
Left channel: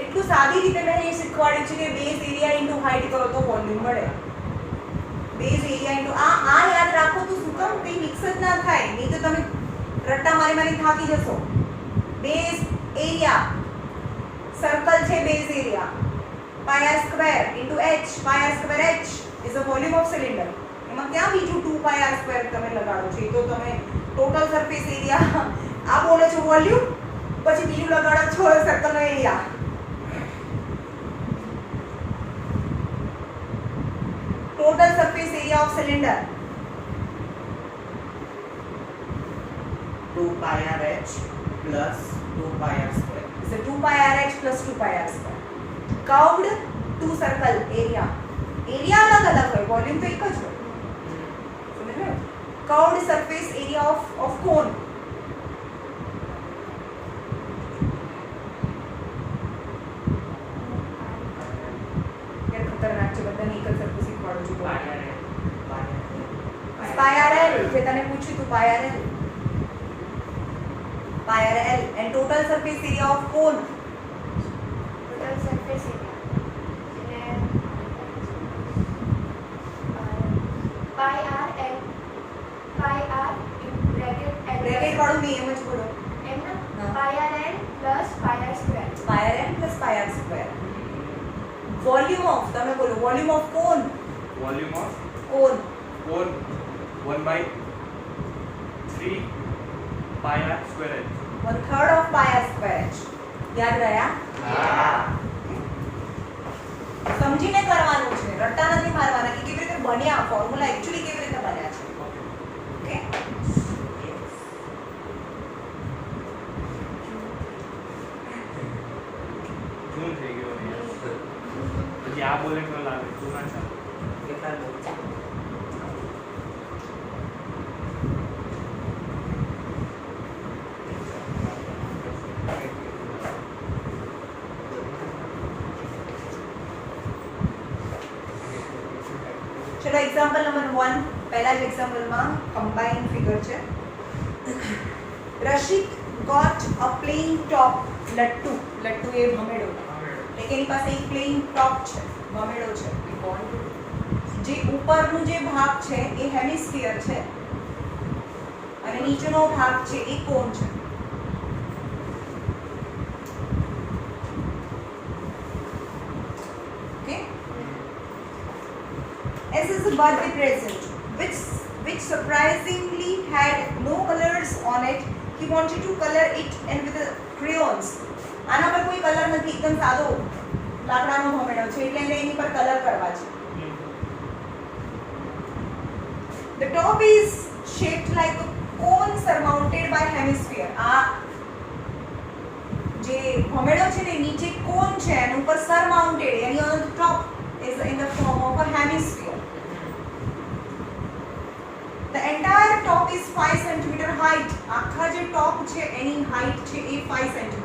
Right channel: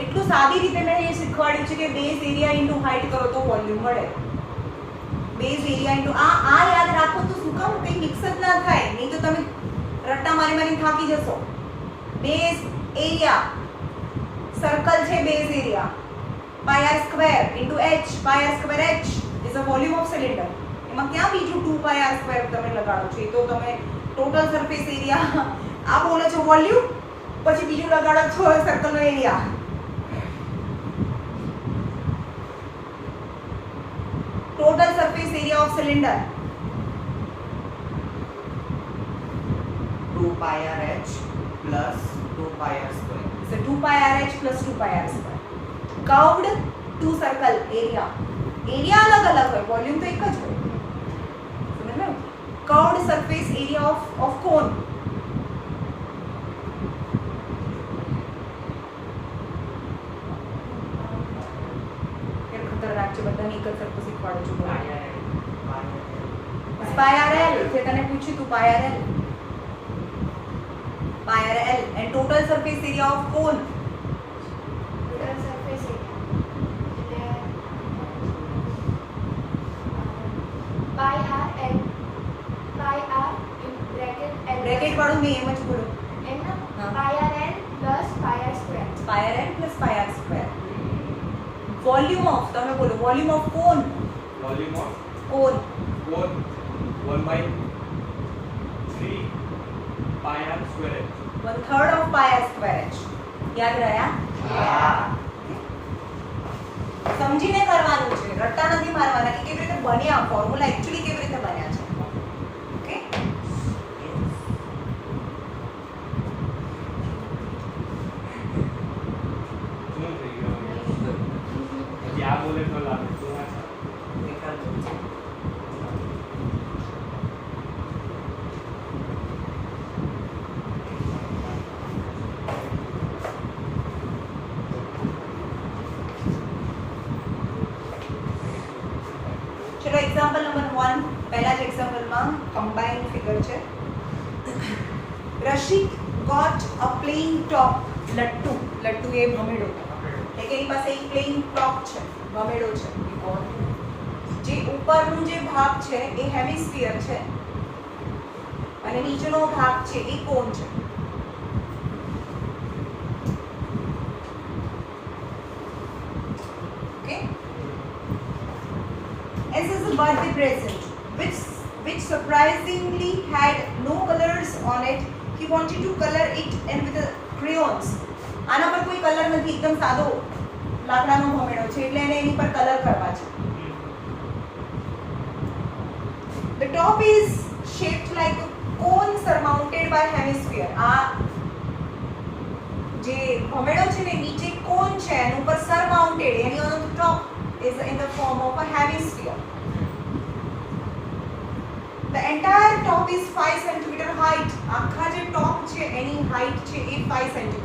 એટલું સાદી રીતે મેં એ શીખવાડ્યું છે કે બેઝ એરિયા ઇન્ટુ હાઇટ કરો તો વોલ્યુમ મળે. બેઝ એરિયા ઇન્ટુ આ યાદ રાખો તો શું કામ કંઈ મિક્સ જ ના થાય, નહીં તો તમે રટ્ટા મારી થાકી જશો. બેઝ એરિયા, સર્કલ છે base area, pi r square into h, pi r square h is a volume of cylinder. એમાં ક્યાં બીજું 2 પાઈ આર સ્ક્વેર તમે લગાડો છો? એ તો તમે ટોટલ સરફેસ એરિયા આ બોલે છો વોલ્યુમ, પછી બીજું લગાડો છો સર્કલનો area. Total surface area of cylinder 2 pi r h plus 2 pi r square. is a 2 pi r h plus 2 pi r square. Curved to circle area. Area અલગ અલગ હોય, વોલ્યુમ તો એક જ હોય. સમજ્યો? Curved surface area of cone. યાર ખતરનાક છે, બધાને એક જ સરખું શીખવાડું છું. સ્પાયરલ જે તને પૂછ્યું તું, spiral and total surface area of cone. total surface area pi r l pi r in bracket l bracket વાળું મેં એમ જ બોલો. એમ ના હા. pi r l plus pi r square. Spiral plus pi r square. Volume of, તમે બોલો volume of cone. Volume of cone 1 by 3 pi r square h. 1/3 of pi r square h. યાદ રહ્યા? સમજીને કરવાનું છે, રટ્ટા નથી મારવાના કે કેવી રીતે બન્યા ફોર્મ્યુલા, એક્ચ્યુઅલી કેવી રીતે બન્યા છે. ઓકે, શું થઈ ગયું? પછી આ બોલે તો લાગે શું ના ચાલે. બેકાર બોલ છે. ચલો એક્ઝામ્પલ નંબર 1. પહેલા જ એક્ઝામ્પલમાં કમ્બાઇન ફિગર છે. રશિક ગોટ અ પ્લેન ટોપ લટ્ટુ. લટ્ટુ એ ભમેડો, એટલે કે એની પાસે એક પ્લેન ટોપ છે, ભમેડો છે. જે ઉપરનું જે ભાગ છે એ હેમિસ્ફિયર છે અને નીચેનો ભાગ છે એ કોન છે. birthday present, which surprisingly had no colors on it. He wanted to color it and with the crayons. આના પર કોઈ કલર નથી, એકદમ સાદો લાકડાનો ભમેડો છે એટલે એને એની પર કલર કરવા છે. The top is shaped like a cone surmounted by hemisphere. આ જે ભમેડો છે ને નીચે કોન છે અને ઉપર surmounted, any on the top is in the form of a hemisphere. The entire top is 5 cm height. આખા જે ટોપ છે એની હાઈટ છે એ 5 cm.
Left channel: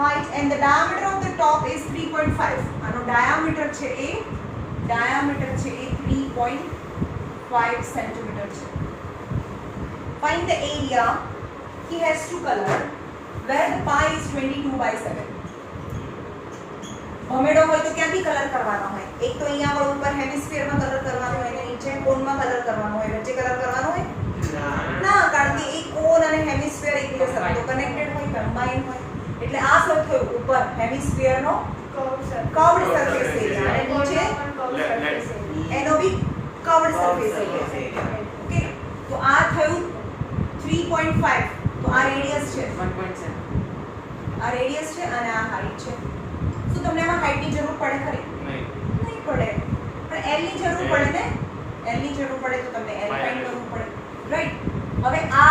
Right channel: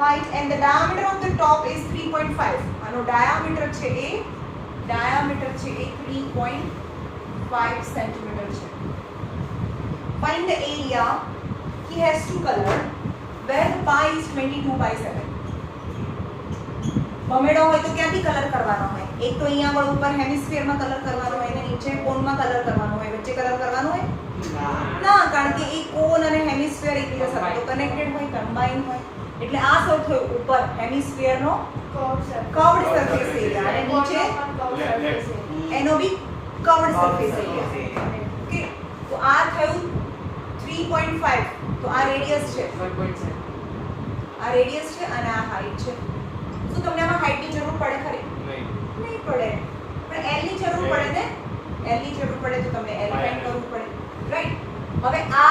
Height and the diameter of the top is 3.5. આનો diameter છે એ 3.5 cm છે. Find the area. He has to color where the pi is 22/7. ભમેડો હોય તો ક્યાંથી કલર કરવાનો હોય? એક તો અહીંયા આગળ ઉપર હેમિસ્ફિયર માં કલર કરવાનો હોય અને નીચે કોન માં કલર કરવાનો હોય. વચ્ચે કલર કરવાનો હોય ના, કારણ કે એ કોન અને હેમિસ્ફિયર એકબીજા સાથે કનેક્ટેડ હોય, કમ્બાઈન હોય. એટલે આ શું થયું? ઉપર હેમિસ્ફિયર નો કર્વડ સરફેસ એરિયા અને નીચે એનો બી કર્વડ સરફેસ એરિયા. ઓકે, તો આ થયું 3.5. તો આ રેડિયસ છે, 1.7. આ રેડિયસ છે અને આ હાઈટ છે. શું તમને આમાં હાઈટ ની જરૂર પડે ખરી? નહીં પડે, પણ એલ ની જરૂર પડે ને. એલ ની જરૂર પડે તો તમને એલ ફાઇન્ડ કરવું પડે, રાઈટ? હવે આ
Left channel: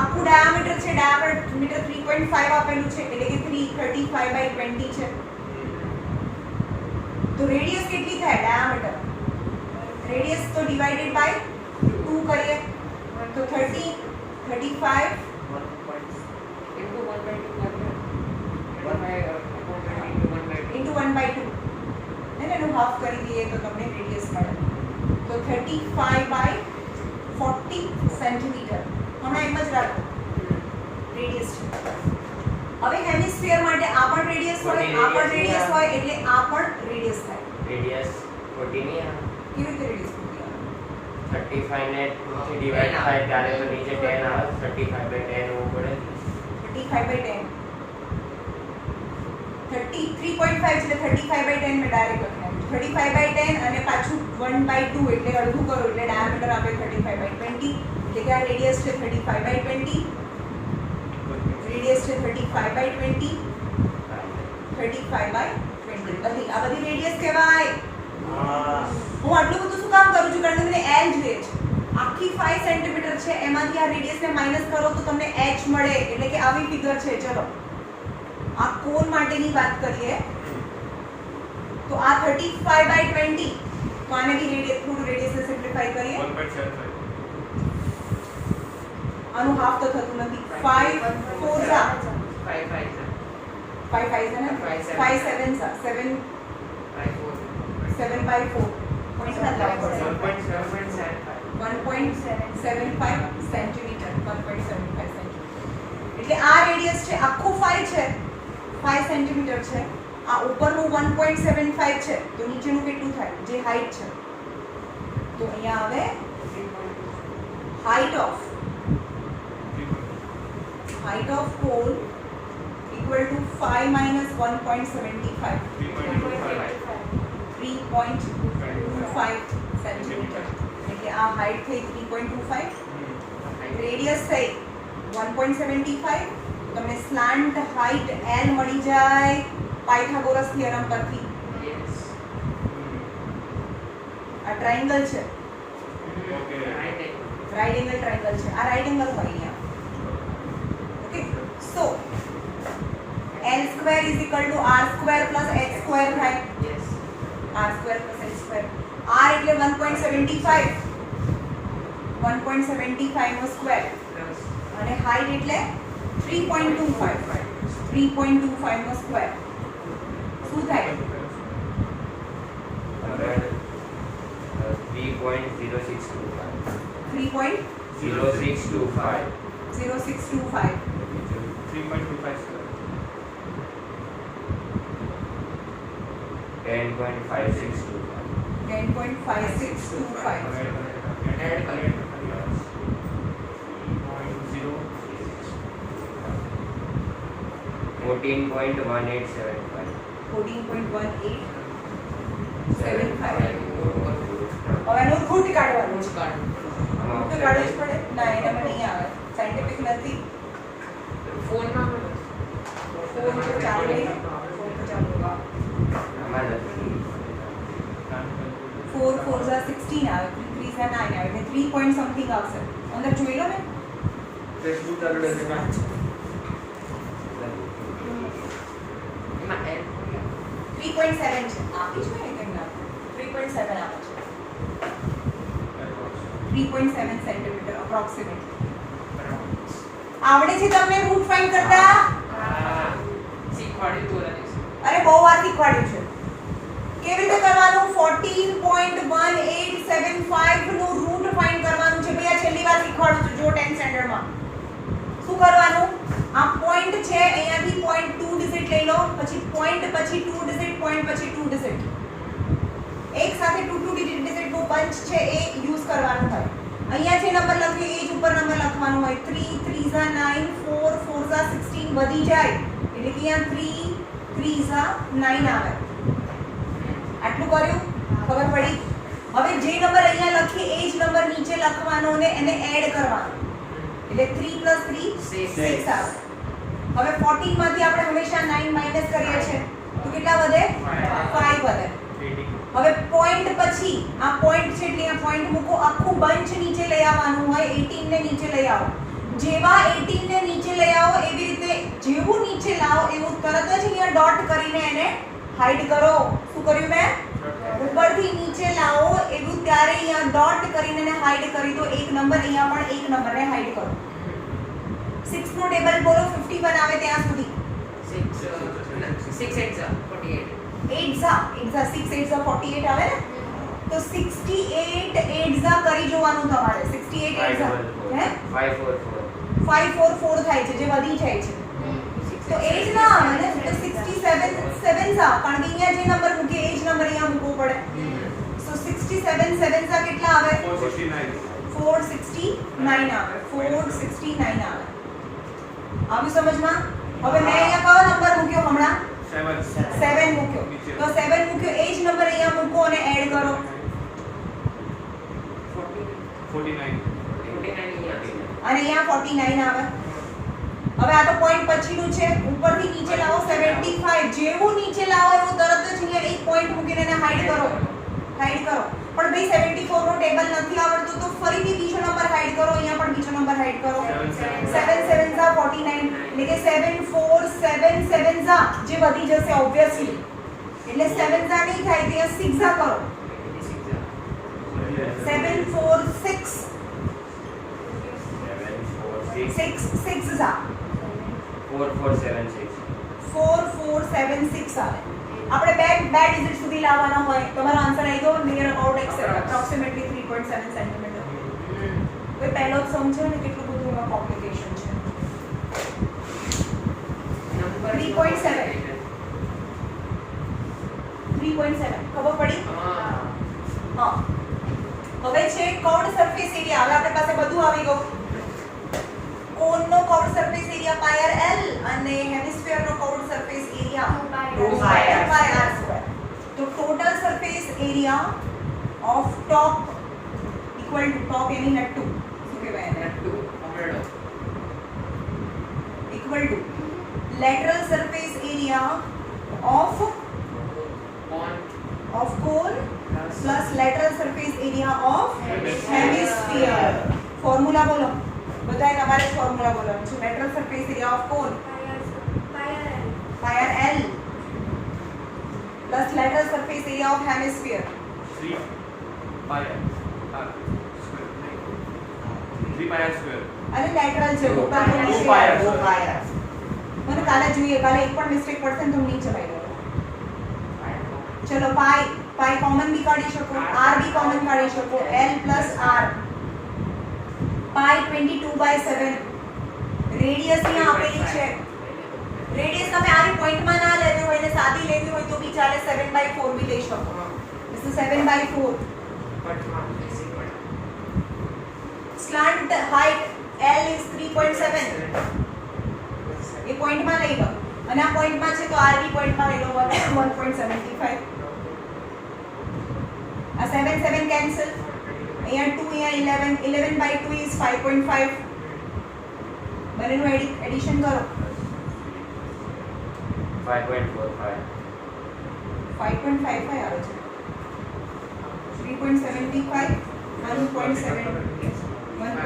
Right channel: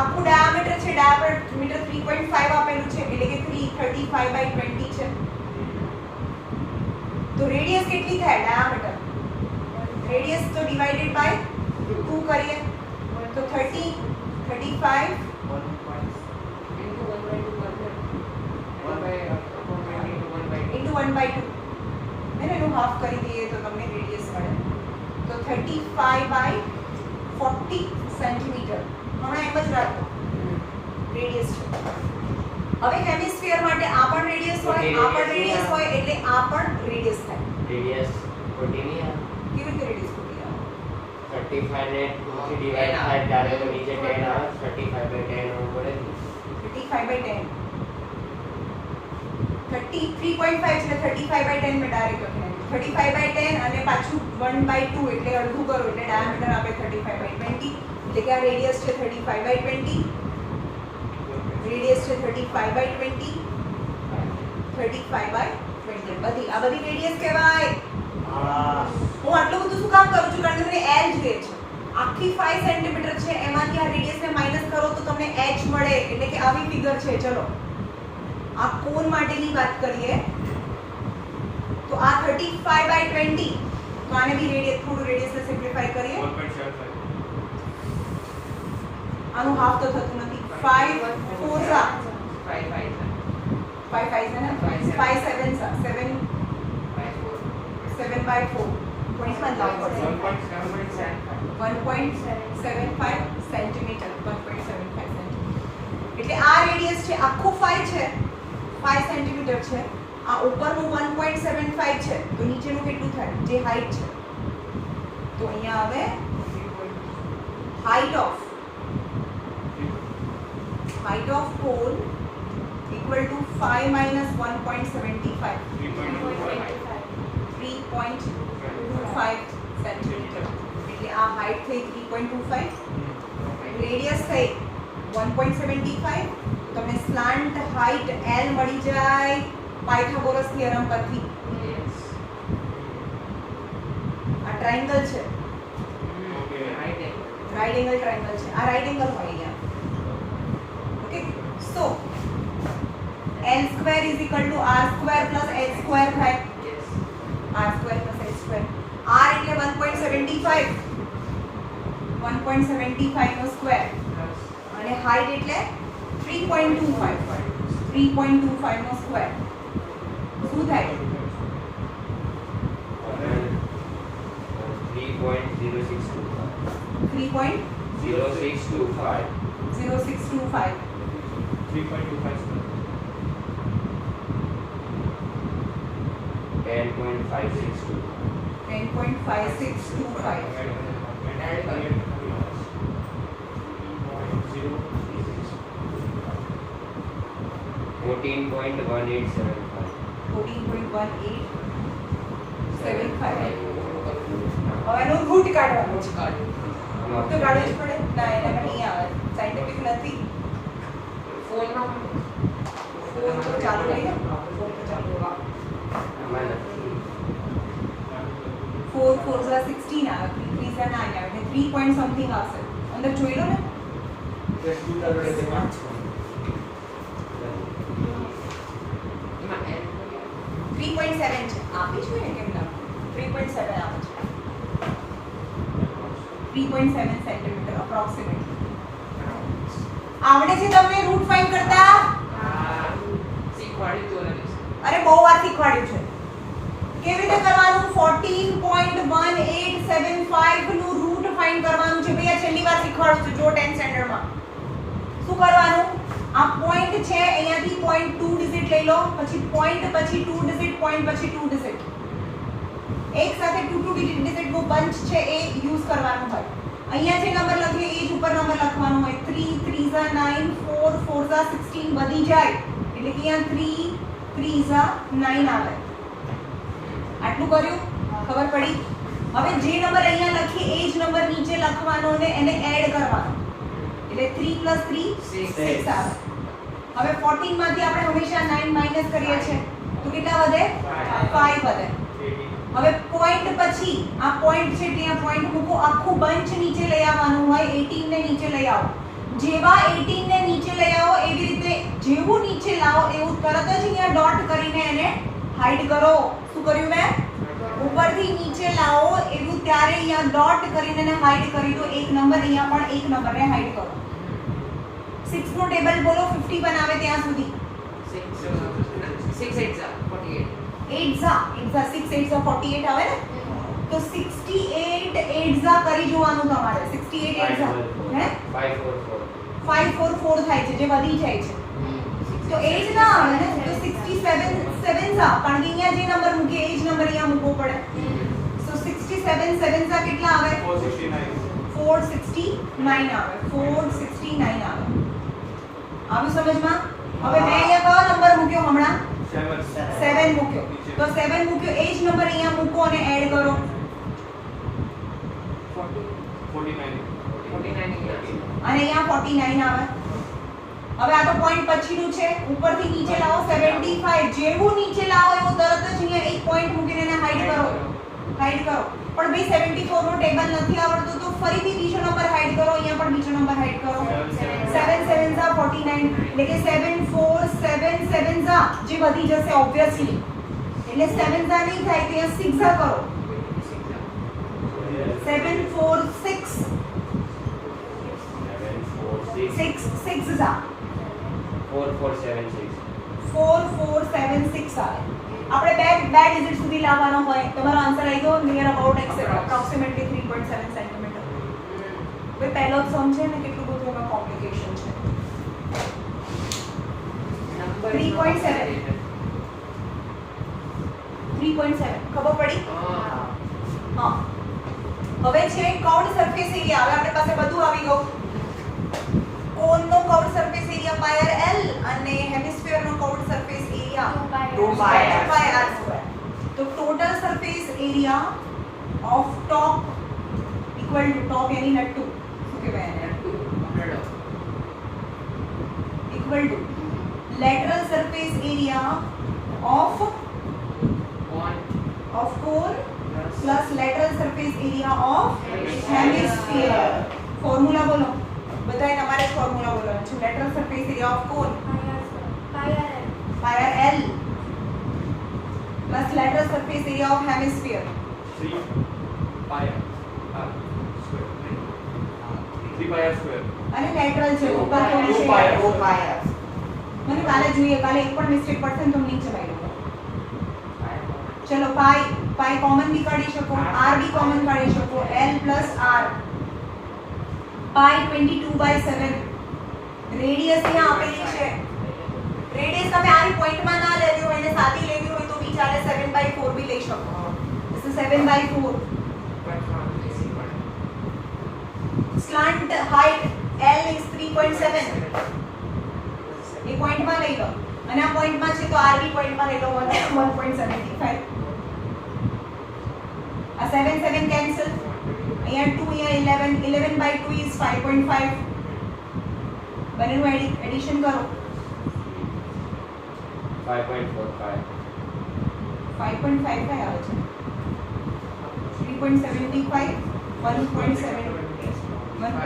આખું ડાયામીટર છે, ડાયામીટર 3.5 આપેલું છે એટલે કે 335/20 છે. તો રેડિયસ કેટલી થાય? ડાયામીટર રેડિયસ તો ડિવાઇડેડ બાય 2 કરીએ તો 30 35 into 1/2 એને એનું હાફ કરી દઈએ તો તમને રેડિયસ મળે. તો 35/40 સેન્ટીમીટર. હમણાં એમ જ રાખો, રેડિયસ છે. હવે હેમિસ્ફિયર માટે આ પણ રેડિયસ હોય, આ પણ રેડિયસ હોય એટલે આ પણ રેડિયસ થાય. રેડિયસ 40 ની કેવી રીતે રેડિયસ થાય? 35 ને 2 થી ડિવાઇડ થાય ત્યારે તો નીચે 10 આવે. 35/10 હોવું પડે. 35/10 33.5 એટલે 35/10 મેં ડાયરેક્ટ લખી નાખ્યું. 35/10 અને પાછું 1/2 એટલે અડધું કરો એટલે ડાયામીટર આપે 35/20. એટલે કે આ રેડિયસ છે 35/20, રેડિયસ છે 35/20, 35/20. બધી આ બધી રેડિયસ કહેવાય. હું આટલું બધું શું કામ કરું છું? કારણ કે મને એલ જોઈએ છે. આખી 5 સેન્ટીમીટર છે એમાંથી આ રેડિયસને માઈનસ કરો તો તમને h મળે. એટલે કે આવી ફિગર છે. ચલો આ કોન માટેની વાત કરીએ તો આ 35/20. તો આને બી રેડિયસ થોડું રેડિયસને સિમ્પ્લિફાઈ કરીએ. 1.75. આનું હાફ તો થતું નથી. 5 4 જા 5 5 5 છે ને 5 7 જા 7 7/4 પોઈન્ટમાં લાવવું પડશે. 1.75 સેન્ટીમીટર. 1.75 સેન્ટીમીટર એટલે આ રેડિયસ છે. આખું 5 છે, 5 સેન્ટીમીટર છે. આ ઉપરનું 1.75 છે તો નીચેનું કેટલું થાય? જે હાઈટ છે તો અહીંયા આવે height of pole equal to 5 minus 1.75. 3.25 centimetre. એટલે આ હાઈટ થઈ 3.25, રેડિયસ થઈ 1.75. તમને સ્લાન્ટ હાઈટ L મળી જાય પાયથાગોરસ થિયરમ પરથી. આ ટ્રાયેંગલ છે, રાઈટ એંગલ ટ્રાયેંગલ છે. આ રાઈટ એંગલ હોય અહીંયા. Okay, so L² is equal to R² plus H² થાય. R² plus H². R એટલે 1.75, 1.75 નો સ્ક્વેર અને હાઈટ એટલે 3.25, 3.25 નો સ્ક્વેર. શું થાય? 3.0625. 0625. 3.25 10.5625. 10.5625. 14.1875. 14.1875. હવે એનું રૂટ કાઢવાનું છે. રૂટ તો કાઢવું જ પડે. ના એનામાં નહીં આવે. સાયન્ટિફિક નથી. ફોન તો ચાલુ રહી ને? ફોન તો ચાલુ હોગા. આમાં નથી. 4 4 ઝા 16 આવે. 3 3 ઝા 9 આવે. એટલે 3 પોઈન્ટ સમથિંગ આવશે. અંદર જોઈ લો ને. ફેસબુક આગળ દેખાય. 3.7 છે. આપી છે ને કેમ ના? 3.7 આવે છે. 3.7 સેન્ટીમીટર અપ્રોક્સિમેટલી. આવડે છે તમને રૂટ ફાઇન્ડ કરતા? અરે બહુ વાર શીખવાડ્યું છે. કેવી રીતે કરવાનું? 14.1875 નું રૂટ ફાઇન્ડ કરવાનું છે. ભઈ આ છેલ્લી વાર શીખવાડું છું જો 10th સ્ટેન્ડર્ડમાં. શું કરવાનું? આ પોઈન્ટ છે અહીંયાથી પોઈન્ટ 2 ડિજિટ લઈ લો, પછી પોઈન્ટ પછી 2 ડિજિટ, પોઈન્ટ પછી 2 ડિજિટ. એક સાથે 2 ડિજિટ નો બંચ છે એ યુઝ કરવાનું હોય. અહીંયા જે નંબર લખીએ એ જ ઉપર નંબર લખવાનો હોય. 3 3 ઝા 9, 4 4 ઝા 16 વધી જાય એટલે કે અહીંયા 3 3 ઝા 9 આવે. આટલું કર્યું? ખબર પડી? હવે જે નંબર અહીંયા લખીએ એ જ નંબર નીચે લખવાનો ને એને એડ કરવાનો. એટલે 3 + 3 6 આવે. હવે 14 માંથી આપણે હંમેશા 9 માઈનસ કરીએ છીએ તો કેટલા વધે? 5 વધે. હવે પોઈન્ટ પછી આ પોઈન્ટ છે એટલે આ પોઈન્ટ મૂકો. આખું બંચ નીચે લઈ આવવાનું હોય. 18 ને નીચે લઈ આવો. જેવા 18 ને નીચે લઈ આવો એવી રીતે જેવું નીચે લાવો એવું તરત જ અહીંયા ડોટ કરીને એને હાઈડ કરો. શું કર્યું મેં? ઉપરથી નીચે લાવો એવું ત્યારે અહીંયા ડોટ કરીને એને હાઈડ કરી દો. એક નંબર અહીંયા પણ એક નંબરને હાઈડ કરો. 6 નું ટેબલ બોલો 50 બનાવે ત્યાં સુધી. 6 8 48. 8 ઝા 6 8 ઝા 48 આવે ને? તો 68 8 ઝા કરી જોવાનું તમારે. 68 8 ઝા હે 544. 544 થાય છે જે વધી જાય છે. તો એ જ ના આવે ને? તો 67 7 ઝા કારણ કે અહીંયા જે નંબર મૂકે એ જ નંબર અહીંયા મૂકવો પડે. તો 67 7 ઝા કેટલા આવે? 469 આવે. 469 આવે. આવી સમજમાં? હવે મેં અહીંયા કયો નંબર મૂક્યો હમણાં? 7 મૂક્યો. તો 7 મૂક્યો એ જ નંબર અહીંયા મૂકો અને એડ કરો. 49. અને અહીંયા 49 આવે. હવે આ તો પોઈન્ટ પછીનું છે. ઉપરથી નીચે લાવો 75. જેવું નીચે લાવો એવું તરત જ અહીંયા એક પોઈન્ટ મૂકીને એને હાઈડ કરો. હાઈડ કરો. પણ ભાઈ 74 નો ટેબલ નથી આવડતું તો ફરીથી બીજો નંબર હાઈડ કરો. અહીંયા પણ બીજો નંબર હાઈડ કરો. 7 7 ઝા 49 એટલે કે 7 4 7 7 ઝા જે વધી જશે ઓબ્વિયસલી. એટલે 7 ઝા નહીં થાય તો અહીંયા 6 ઝા કરો. 7 4 6 6 ઝા 4476. 4476 આવે. આપણે બે ડિજિટ સુધી લાવવાના હોય. તમારો આન્સર આવી ગયો નિયર અબાઉટ એપ્રોક્સિમેટલી 3.7 સેન્ટીમીટર. કોઈ પહેલો જ સમ છે ને કેટલું બધું એમાં કોમ્પ્લિકેશન છે. 3.7 ખબર પડી? હા. હવે છે કર્વડ સરફેસ એરિયા. હવે આપણી પાસે બધું આવી ગયું. કોનનો curved surface area pi r l અને હેમિસ્ફિયરનો curved surface area 2 pi r r². તો total surface area of top equal to top એની નટ્ટુ શું કહેવાય એને? Equal to lateral surface area of cone plus lateral surface area of hemisphere. Formula બોલો બધાય. તમારે ફોર્મ્યુલા બોલવાનું છે. Lateral surface area of cone pi r l plus lateral surface area of hemisphere 3 pi r square. 3 pi r square. અને lateral છે ઉપર તો 2 નીચે pi r 2 pi r. મને કાલે જોઈએ. કાલે એક પણ મિસ્ટેક પડશે ને તો નીચે ભાઈ લો. ચલો પાઈ કોમન બી કાઢી શકો, r બી કોમન કાઢી શકો. l plus r પાઈ 22/7. રેડિયસ અહીંયા આપેલી છે. રેડિયસ તમે આની પોઈન્ટમાં ના લેવી હોય ને સાદી લેવી હોય તો બી ચાલે. 7/4 બી લઈ શકો. This is 7/4. Slant height L is 3.7. ये पॉइंट में नहीं लो. અને આ પોઈન્ટમાં છે તો આરબી પોઈન્ટમાં રહેલો 1.75. આ 7 7 કેન્સલ, અહીંયા 2, અહીંયા 11, 11 by 2 is 5.5. બંનેનું એડિશન કરો. 5.45. 5.55 આવે છે. 3.75, 1.7, 1. મેમ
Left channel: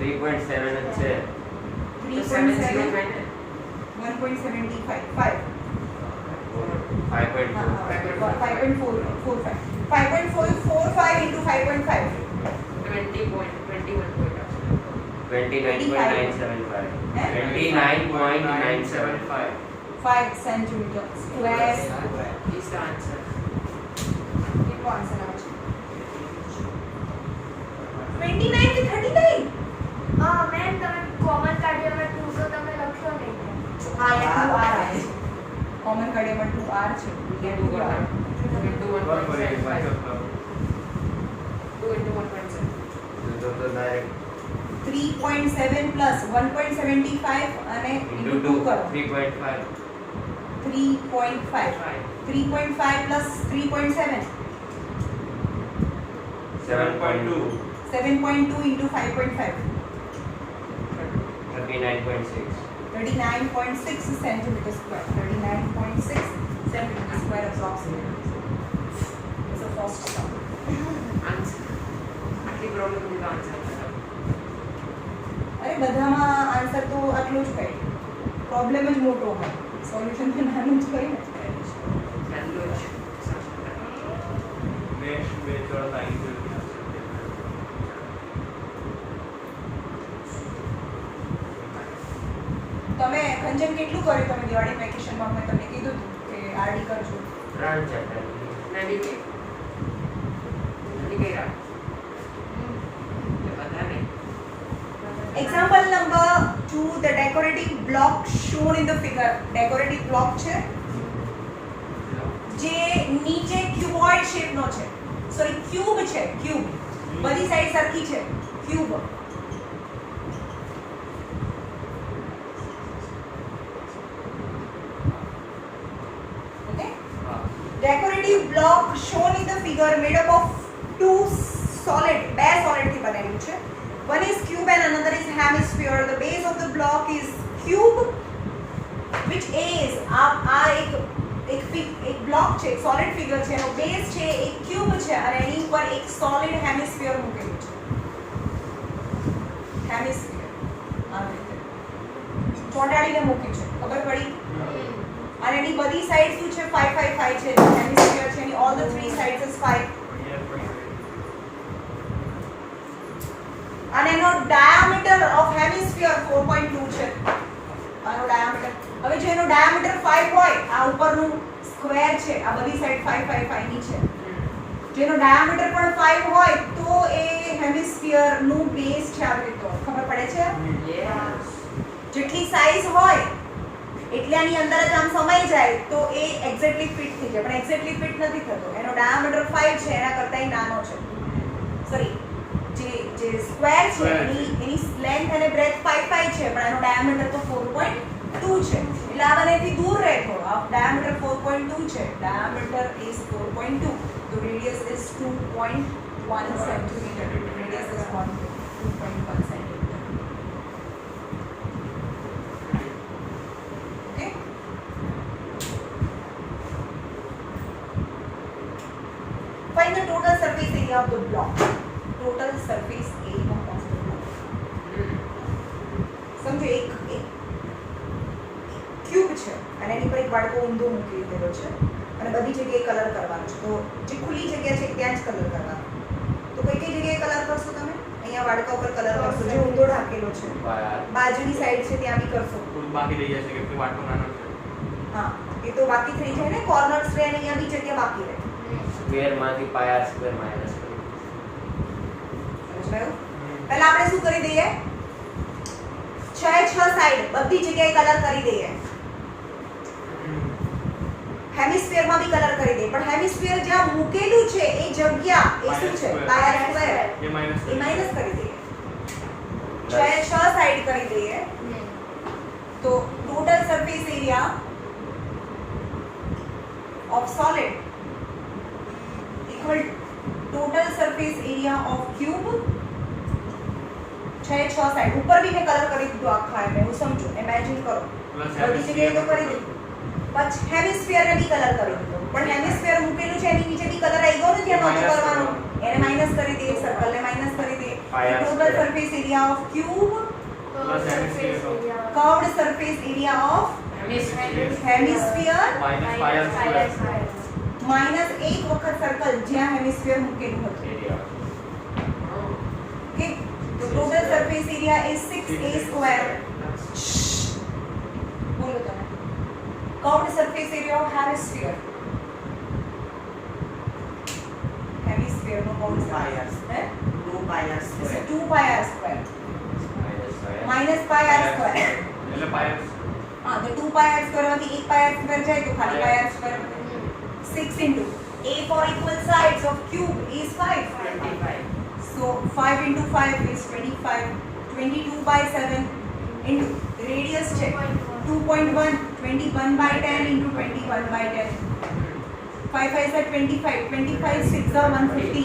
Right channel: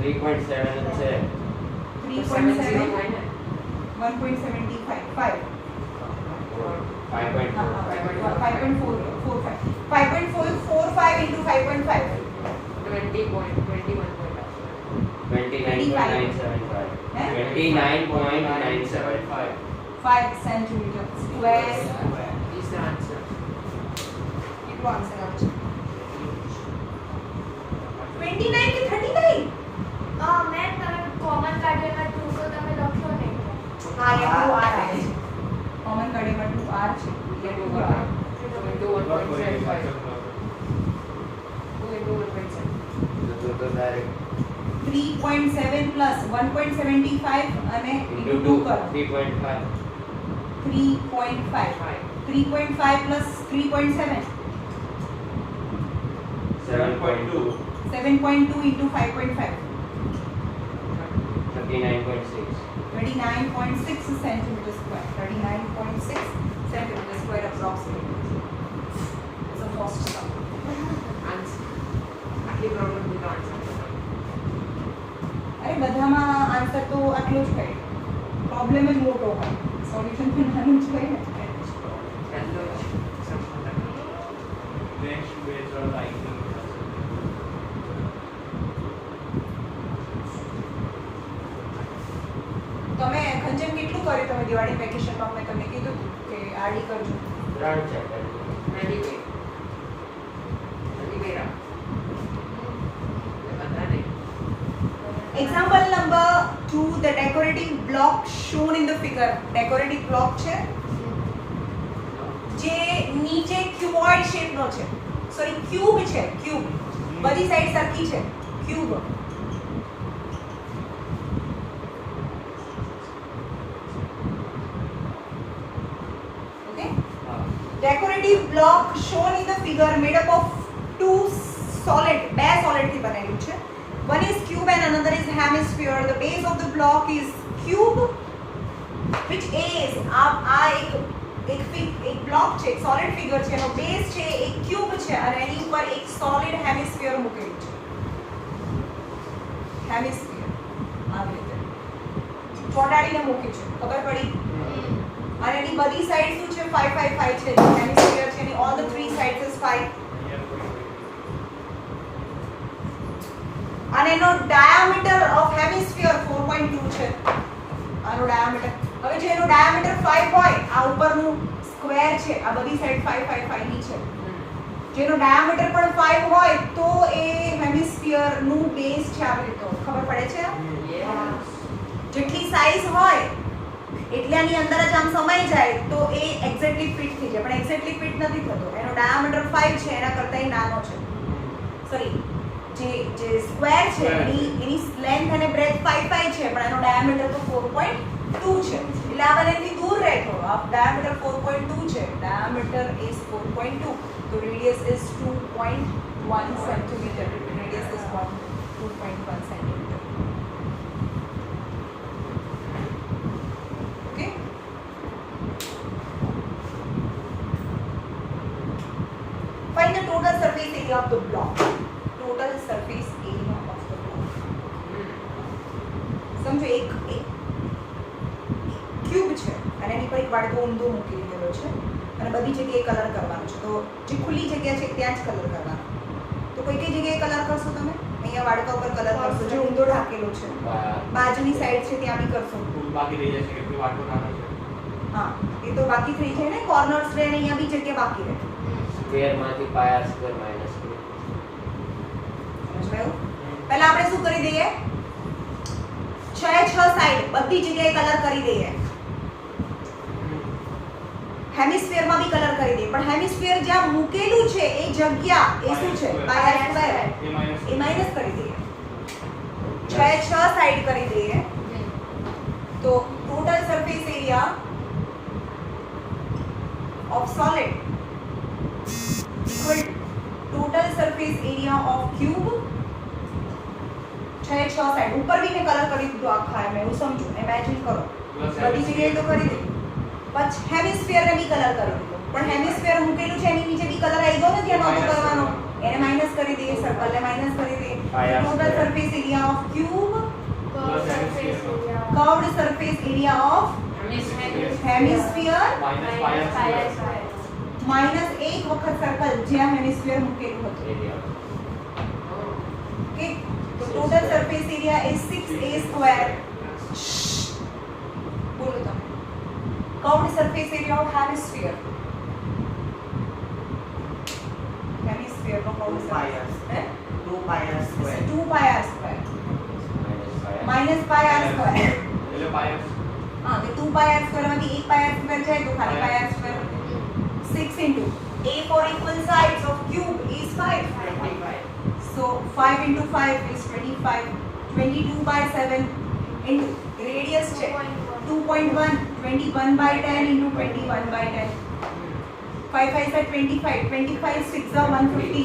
3.7 જ છે. 3.7, 1.75, 5. 5.4. 5.45 into 5.5. 29.975. Eh? 29.975. 5 centimeter square. Is the answer. કેટલો આન્સર આવે છે? 29 કે 39? મેમ તમે કોમન કાઢ્યામાં 2 તો તમે લખ્યો નહીં. હા, એ 2R આવે છે. કોમન કડેમાં 2R છે. એ 2R. Into 1.75. 2 into 1.7. તો direct 3.7 plus 1.75 અને into into 2 2 કરો. 3.5. 3.5. 3.5 plus 3.7. 7.2. 7.2 into 5.5. 39.6. 39.6 centimeter square. 39.6 centimeter square approximately. It's a first sum. Answer. આટલી problem નું answer. અરે બધામાં આન્સર તો આટલો જ કઈ. પ્રોબ્લેમ જ મોટો હોય. સોલ્યુશન તો નાનું જ કઈ નથી. ચાલો Next based on the angle. તમે ખંજન કેટલું કર્યું તમે દિવાળી વેકેશનમાં? મેં તમને કીધું હતું કે આરડી કરજો. 3 chapter. રેડી કે રેડી કર્યા બધા નહીં. Example number 2, the decorative block shown in the figure. Decorative block છે જે નીચે ક્યુબોઇડ શેપનો છે. સોરી ક્યુબ છે, ક્યુબ. બધી સાઈડ સરખી છે. Cube. Okay? Decorative block shown in the figure made up of two solid, બે solid થી બનેલું છે. One is cube and another is hemisphere. The base of the block is cube, which is એક block છે, એક solid figure છે, એનો base છે એક ક્યુબ છે અને એની ઉપર એક સોલિડ હેમિસ્ફિયર મૂકેલું છે. હેમિસ્ફિયર આ રીતે ચોંટાડીને મૂક્યું છે, ખબર પડી? અને એની બધી સાઈડ શું છે? 5 5 5 છે. હેમિસ્ફિયર છે એની all the three sides is 5. અને એનો ડાયામીટર ઓફ હેમિસ્ફિયર 4.2 છે. આનો ડાયામીટર, હવે જો એનો ડાયામીટર 5 હોય, આ ઉપરનું સ્ક્વેર છે, આ બધી સાઈડ 5 5 5 ની છે. જેનો ડાયામીટર પણ 5 હોય તો એ હેમિસ્ફિયર નું બેઝ છે. આવી રીતે ખબર પડે છે? Yes. જેટલી સાઈઝ હોય એટલાની અંદર જ આમ સમાઈ જાય તો એ એક્ઝેક્ટલી ફિટ થઈ જાય, પણ એક્ઝેક્ટલી ફિટ નથી થતો. એનો ડાયામીટર 5 છે, એના કરતાંય નાનો છે. સોરી, જે સ્ક્વેર છે એની લેન્થ અને બ્રેથ 5 5 છે, પણ એનો ડાયામીટર તો 4.2 છે. એટલે આ બંનેથી દૂર રહે થોડો. ડાયામીટર 4.2 છે, ડાયામીટર ઇઝ 4.2, તો radius is 2.1 centimetre. Radius is 2.1 centimetre. Okay, find the total surface area of the block. Total surface area of the block. સમજો એક ક્યુબ છે અને એની પર એક બાળકો ઊંધો મૂકી દીધેલો છે અને બધી જગ્યાએ કલર કરવાનો છે. તો જે ખુલ્લી જગ્યા છે ત્યાં જ કલર કરવાનો. તો કઈ કઈ જગ્યાએ કલર કરશો તમે? અહીંયા બાળકા ઉપર કલર કરશો, જે ઊંધો ઢાકેલો છે. બાજુની સાઈડ છે ત્યાં બી કરશો. બાકી રહી જશે કે વાટકો નાનો છે. હા, એ તો બાકી થઈ જાય ને. કોર્નર્સ રહે અને અહીંયા બી જગ્યા બાકી રહે. સ્ક્વેર માંથી પાય આર સ્ક્વેર માઈનસ સમજાયું? પહેલા આપણે શું કરી દઈએ? 6 સાઈડ બધી જગ્યાએ કલર કરી દઈએ. હેમિસ્ફિયર માં બી કલર કરી દઈએ, પણ હેમિસ્ફિયર જ્યાં મૂકેલું છે એ જગ્યા એ શું છે? પાય આર સ્ક્વેર. એ માઈનસ કરી દઈએ. 6 સાઈડ કરી દઈએ તો total total surface area of solid equal total surface area of cube छह साइड ऊपर भी मैं कलर કરી દીધું આખા મેં હું સમજો ઇમેજિન કરો બધી જગ્યાએ તો કરી દીધું પછી હેમિસ્ફિયર ને બી કલર કરી દીધો પણ હેમિસ્ફિયર મૂકેલું છે એની નીચે બી કલર આવી ગયો ને જે નહોતું કરવાનું એને માઈનસ કરી દે સર્કલ ને માઈનસ કરી દે total surface area of cube curved surface area of hemisphere minus એક વખત સર્કલ જ્યાં હેમિસ્ફિયર મૂકેલું હતું ઓકે તો total surface area is 6a square બોલો તમે curved surface area of hemisphere hemisphere નો કર્વડ સરફેસ હે 2 pi r square. 2 pi r square minus pi r square એટલે પાયર हाँ तो 2 pi r square માંથી 1 pi r square जाए तो खाली pi r square 6 into a for equal sides of cube is 5 so 5 into 5 is 25 22 by 7 into radius check 2.1 21 by 10 into 21 by 10 5 5 are 25 25 6 are 150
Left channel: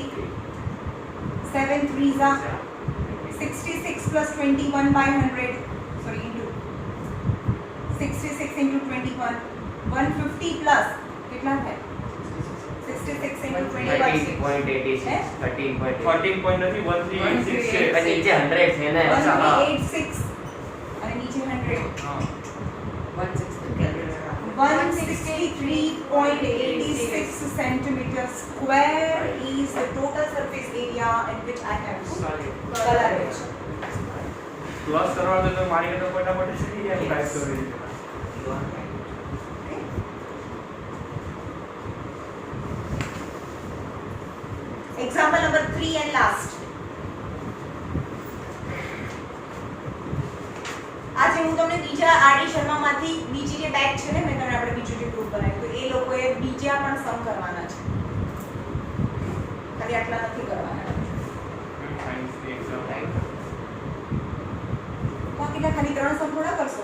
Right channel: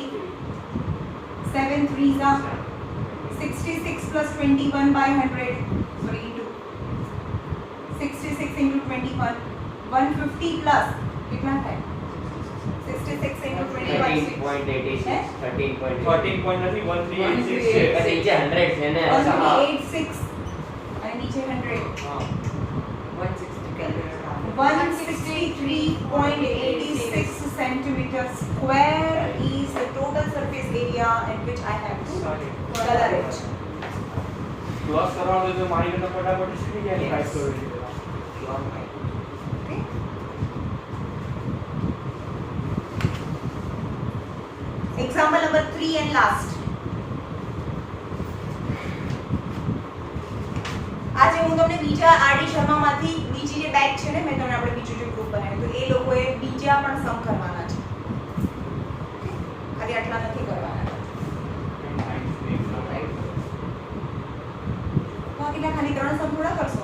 7 3s are 66 plus 21 by 100 sorry into 66 into 21 150 plus कितना है 66 into 21 13.86 है? 13.86 14 point નથી 1386 છે પણ નીચે 100 છે ને 186 અને નીચે 100 160 Kelvin. 163.86 centimeter square is the total surface area in which I have to color it. Loss કરવા દો તો મારી કરતા ફટાફટ થઈ જાય ટાઈપ કરી દે You are right. Okay? Example number 3 and last. આજે હું તમને બીજા આરડી શર્મામાંથી બીજી જે બેચ છે ને મેં તમને આપણે બીજું જે ગ્રુપ બનાવ્યું તો એ લોકોએ બીજા પણ સમ કરવાના છે ખાલી આટલા નથી કરવાના બાકીના ખાલી 3 સમ થોડા કરશો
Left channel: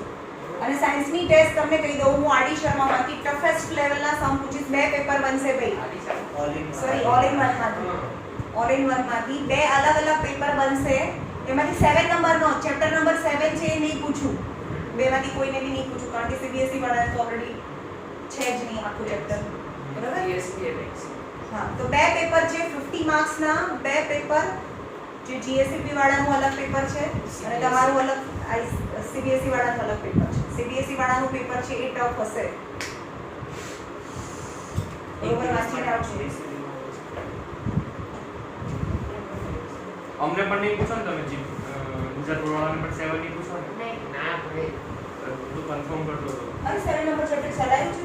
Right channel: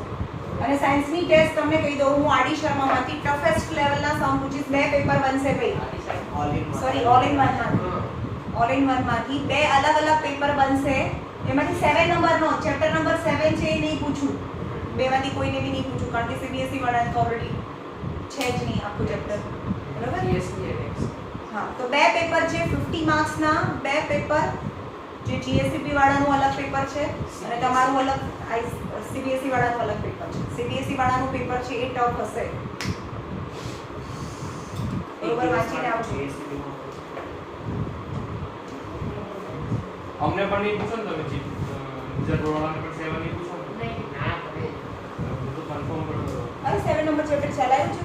અને સાયન્સની ટેસ્ટ તમને કહી દઉં હું આરડી શર્મામાંથી ટફેસ્ટ લેવલના સમ પૂછીશ બે પેપર બનશે ભાઈ All in one. Sorry all in one માંથી બે અલગ અલગ પેપર બનશે એમાંથી 7 નંબરનો ચેપ્ટર નંબર 7 છે એ નહીં પૂછું બેમાંથી કોઈને બી નહીં પૂછું કારણ કે સીબીએસઈ વાળાને તો ઓલરેડી છે જ નહીં આખું ચેપ્ટર બરાબર હા તો બે પેપર છે 50 માર્ક્સના બે પેપર જે જીએસસીપી વાળાનું અલગ પેપર છે અને તમારું અલગ સીબીએસઈ વાળાનું અલગ પેપર છે સીબીએસઈ વાળાનું પેપર છે એ ટફ હશે બરોબર વાંચીને આવજો અમને પણ નહીં પૂછો ને તમે જી ગુજરાત વાળાને પણ 7 નહીં પૂછો ને ના પડે બધું કન્ફર્મ કરતો રહો. અરે 7 નંબર ચેપ્ટર ચલાવ્યું છે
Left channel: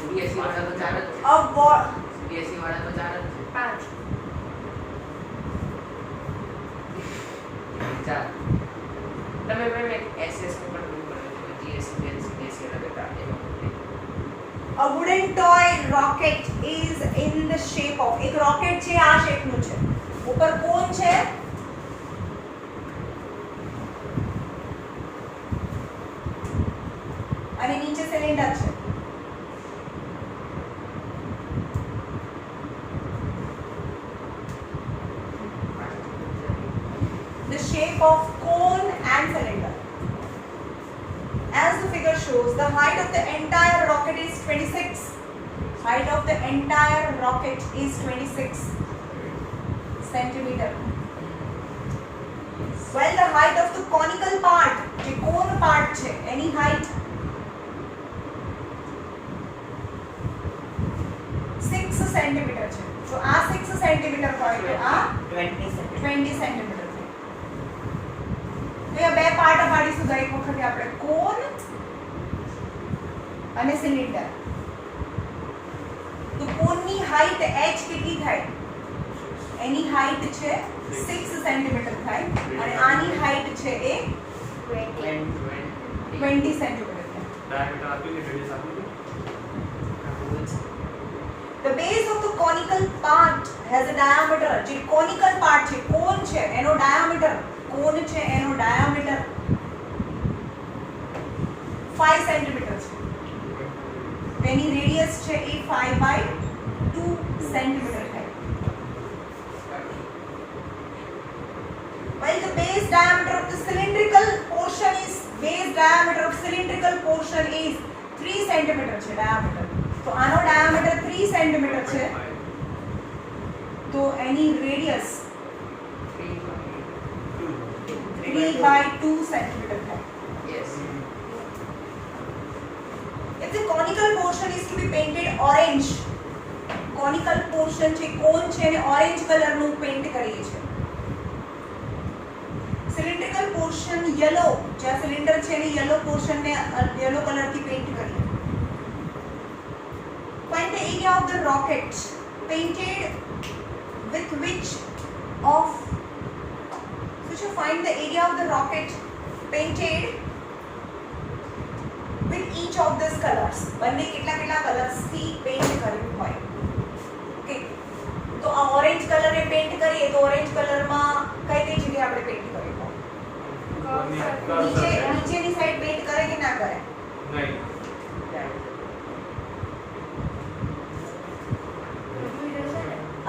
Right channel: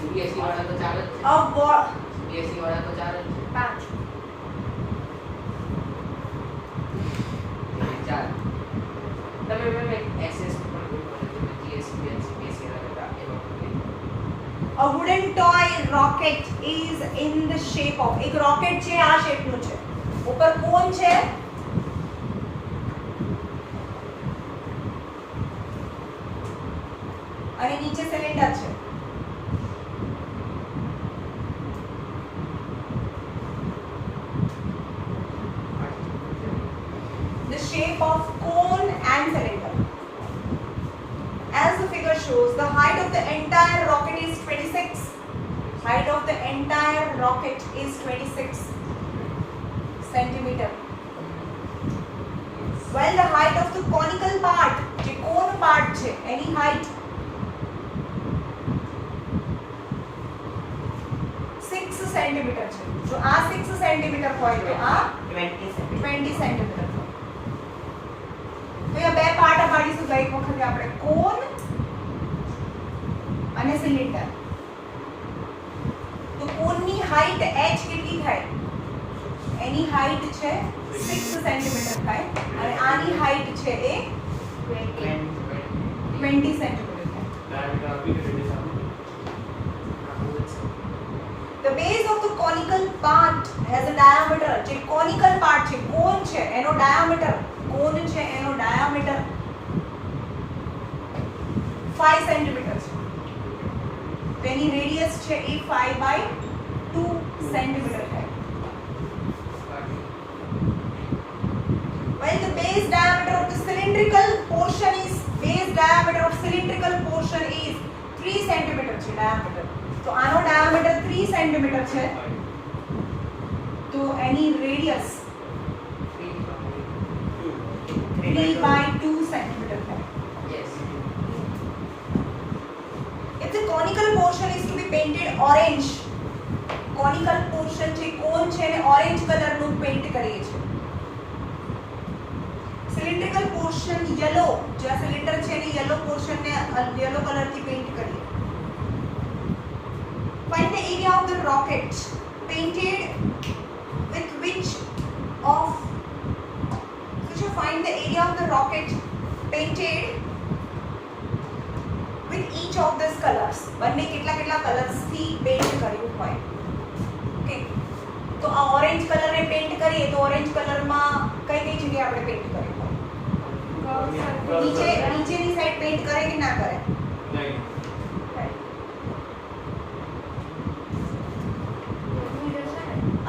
સીબીએસઈ વાળા તો 4 જ છે अब वो સીબીએસઈ વાળા તો 4 જ છે 5 4 તમે એસએસ પણ જીએસસી સીબીએસઈ વાળા એમાં a wooden toy rocket is in the shape of એક રોકેટ છે આ શેપનું છે ઉપર કોન છે અને નીચે સિલિન્ડર છે the shape of cone and cylinder. As the figure shows, the height of the entire rocket is 26. Height of the entire rocket is 26 centimeter. While the height of the conical part, the cone part છે any height 6 centimeter છે. જો આ 6 centimeter હોય તો આ 20 centimeter. 20 centimeter છે. તો એ બે પાર્ટ પાડીશું તો એક વખતે આપણે કોન અને સિલિન્ડર તો કોનની હાઈટ h કેટલી થાય એની હાઈટ છે 6 સેન્ટીમીટર થાય અને આની હાઈટ છે એ 20 સેન્ટીમીટર થાય ડાયામીટર આપી દે રેડિયસ આપો The base of the conical part has a diameter. જે conical part છે કોન છે એનો diameter કોન છે એનો diameter 5 સેન્ટીમીટર છે તો એની રેડિયસ છે એ 5/2 સેન્ટીમીટર થાય. While the base diameter of the cylindrical portion is 3 centimetre છે diameter. તો આનો diameter 3 સેન્ટીમીટર છે તો એની રેડિયસ 3/2 સેન્ટીમીટર થાય. Yes. If the conical portion is to be painted orange, conical portion છે કોન છે ને ઓરેન્જ કલરનું પેઇન્ટ કરીએ છે. cylindrical portion yellow, જ્યાં સિલિન્ડર છે એની yellow portion ને yellow કલરથી પેઇન્ટ કરીએ. Find the area of the rocket painted with which of so find the area of the rocket painted with each of these colors. બંને કેટલા કેટલા colours થી paint કર્યું હોય. ઓકે તો આ ઓરેન્જ કલરને પેઇન્ટ કરીએ તો ઓરેન્જ કલરમાં કઈ કઈ જગ્યાએ આપણે પેઇન્ટ કર્યું હોય? નીચેની સાઈડ પેઇન્ટ કરે કે ના કરે? નહીં.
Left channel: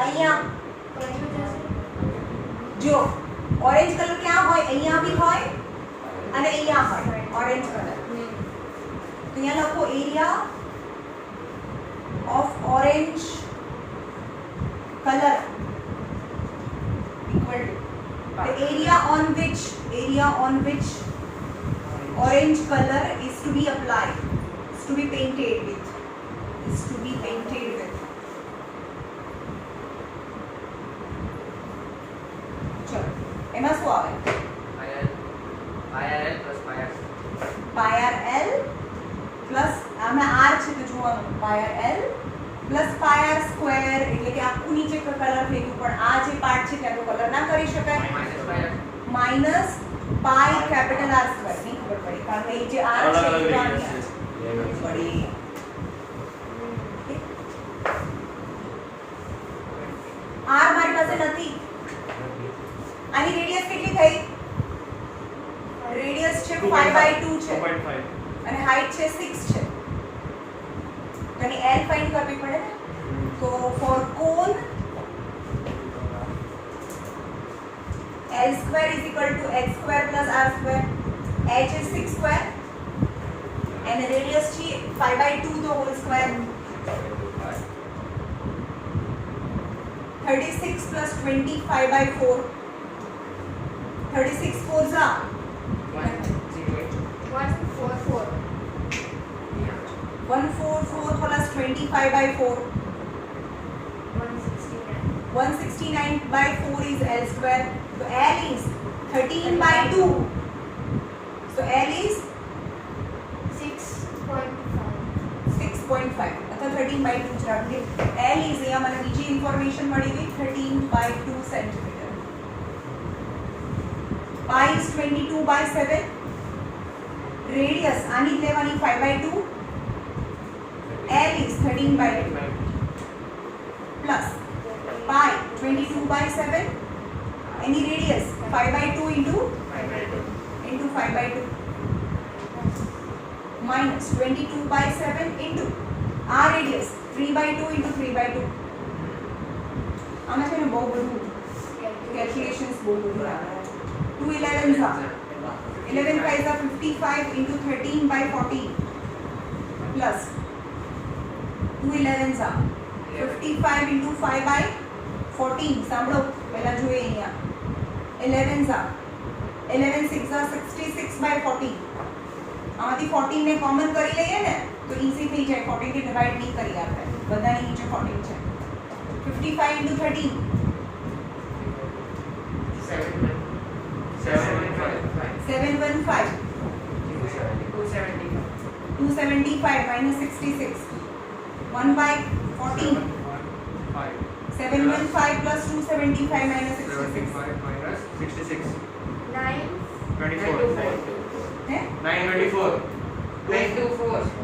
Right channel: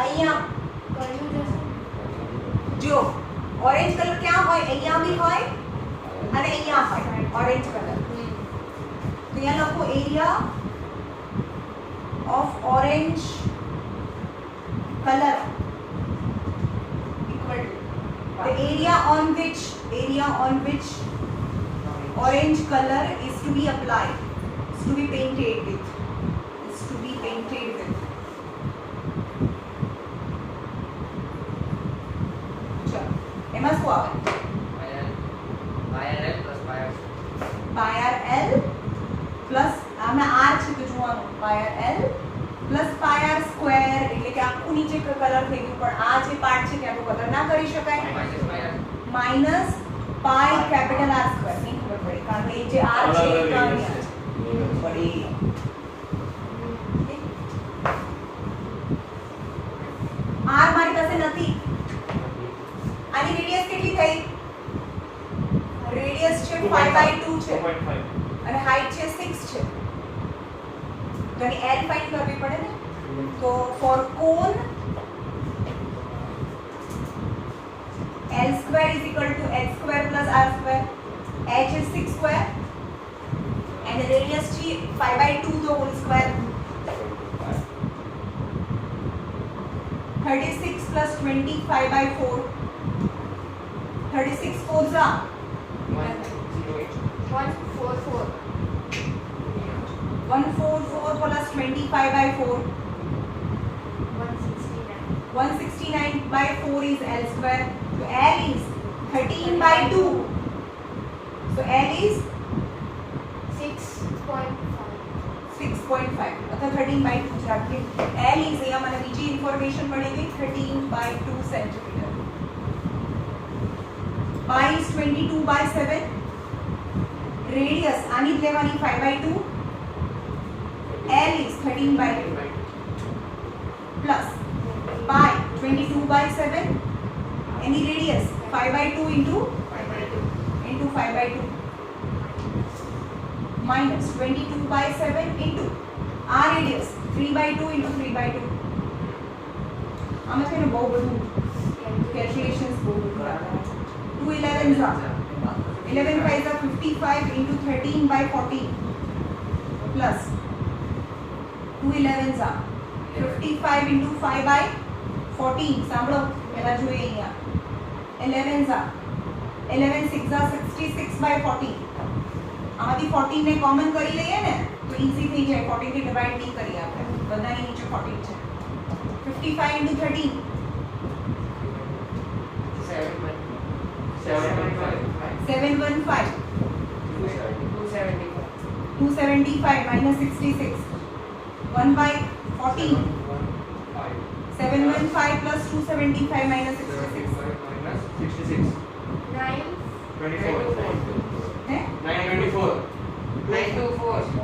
અહીંયા જો ઓરેન્જ કલર ક્યાં હોય? અહીંયા બી હોય અને અહીંયા હોય ઓરેન્જ કલર. તો અહીંયા લખો area of orange color equal to the area on which orange color is to be applied, is to be painted with. ચલો એમાં શું આવે? પાય આર એલ પ્લસ આમાં આર છે તો જોવાનું પાય આર એલ પ્લસ પાય આર સ્ક્વેર એટલે કે આખું નીચે કલર થઈ ગયું પણ આ જે પાર્ટ છે ત્યાં તો કલર ના કરી શકાય. Minus pi capital r square નહીં ખબર પડી કારણ કે એ જે આર છે એ કાં પડી. આર મારી પાસે નથી. આની રેડિયસ કેટલી થઈ? રેડિયસ છે 5/2 છે 4.5. અને હાઈટ છે 6 છે. यानी L फाइंड करनी पड़े ना. तो for cone L square is equal to h square plus r square. H is 6 square and the radius is 5/2 the whole square. 36 plus 25/4. 36 4s are 144. 144 plus 25/4. 169. 169/4 is L square. So L is 13/2. So L is 6.5. 6.5. अतः 13/2 જ રાખીએ. L is અહીંયા મને બીજી information મળી ગઈ 13/2 centimetre. Pi is 22/7. Radius આની જ લેવાની 5/2. L is 13/2 plus pi 22/7 any radius 5/2 into 5/2 minus 22/7 into r radius 3/2 into 3/2. આમાં છે ને બહુ બધું કેલ્ક્યુલેશન્સ બહુ બધું આવે. 2 11s are 11 5s are 55 into 13/14 plus 2 11s are 55 into 5/14. સાંભળો પહેલા જોઈએ અહીંયા 11s are 11 6 are 66/14. આમાંથી 14 ને કોમન કરી લઈએ ને તો ઈઝી થઈ જાય. 14 થી ડિવાઇડ નહીં કરીએ આપણે, બધાની નીચે 14 છે. 55 into 13 715. 275 minus 66 1/14. 715 plus 275 minus 66 66. 9. 24. है 924.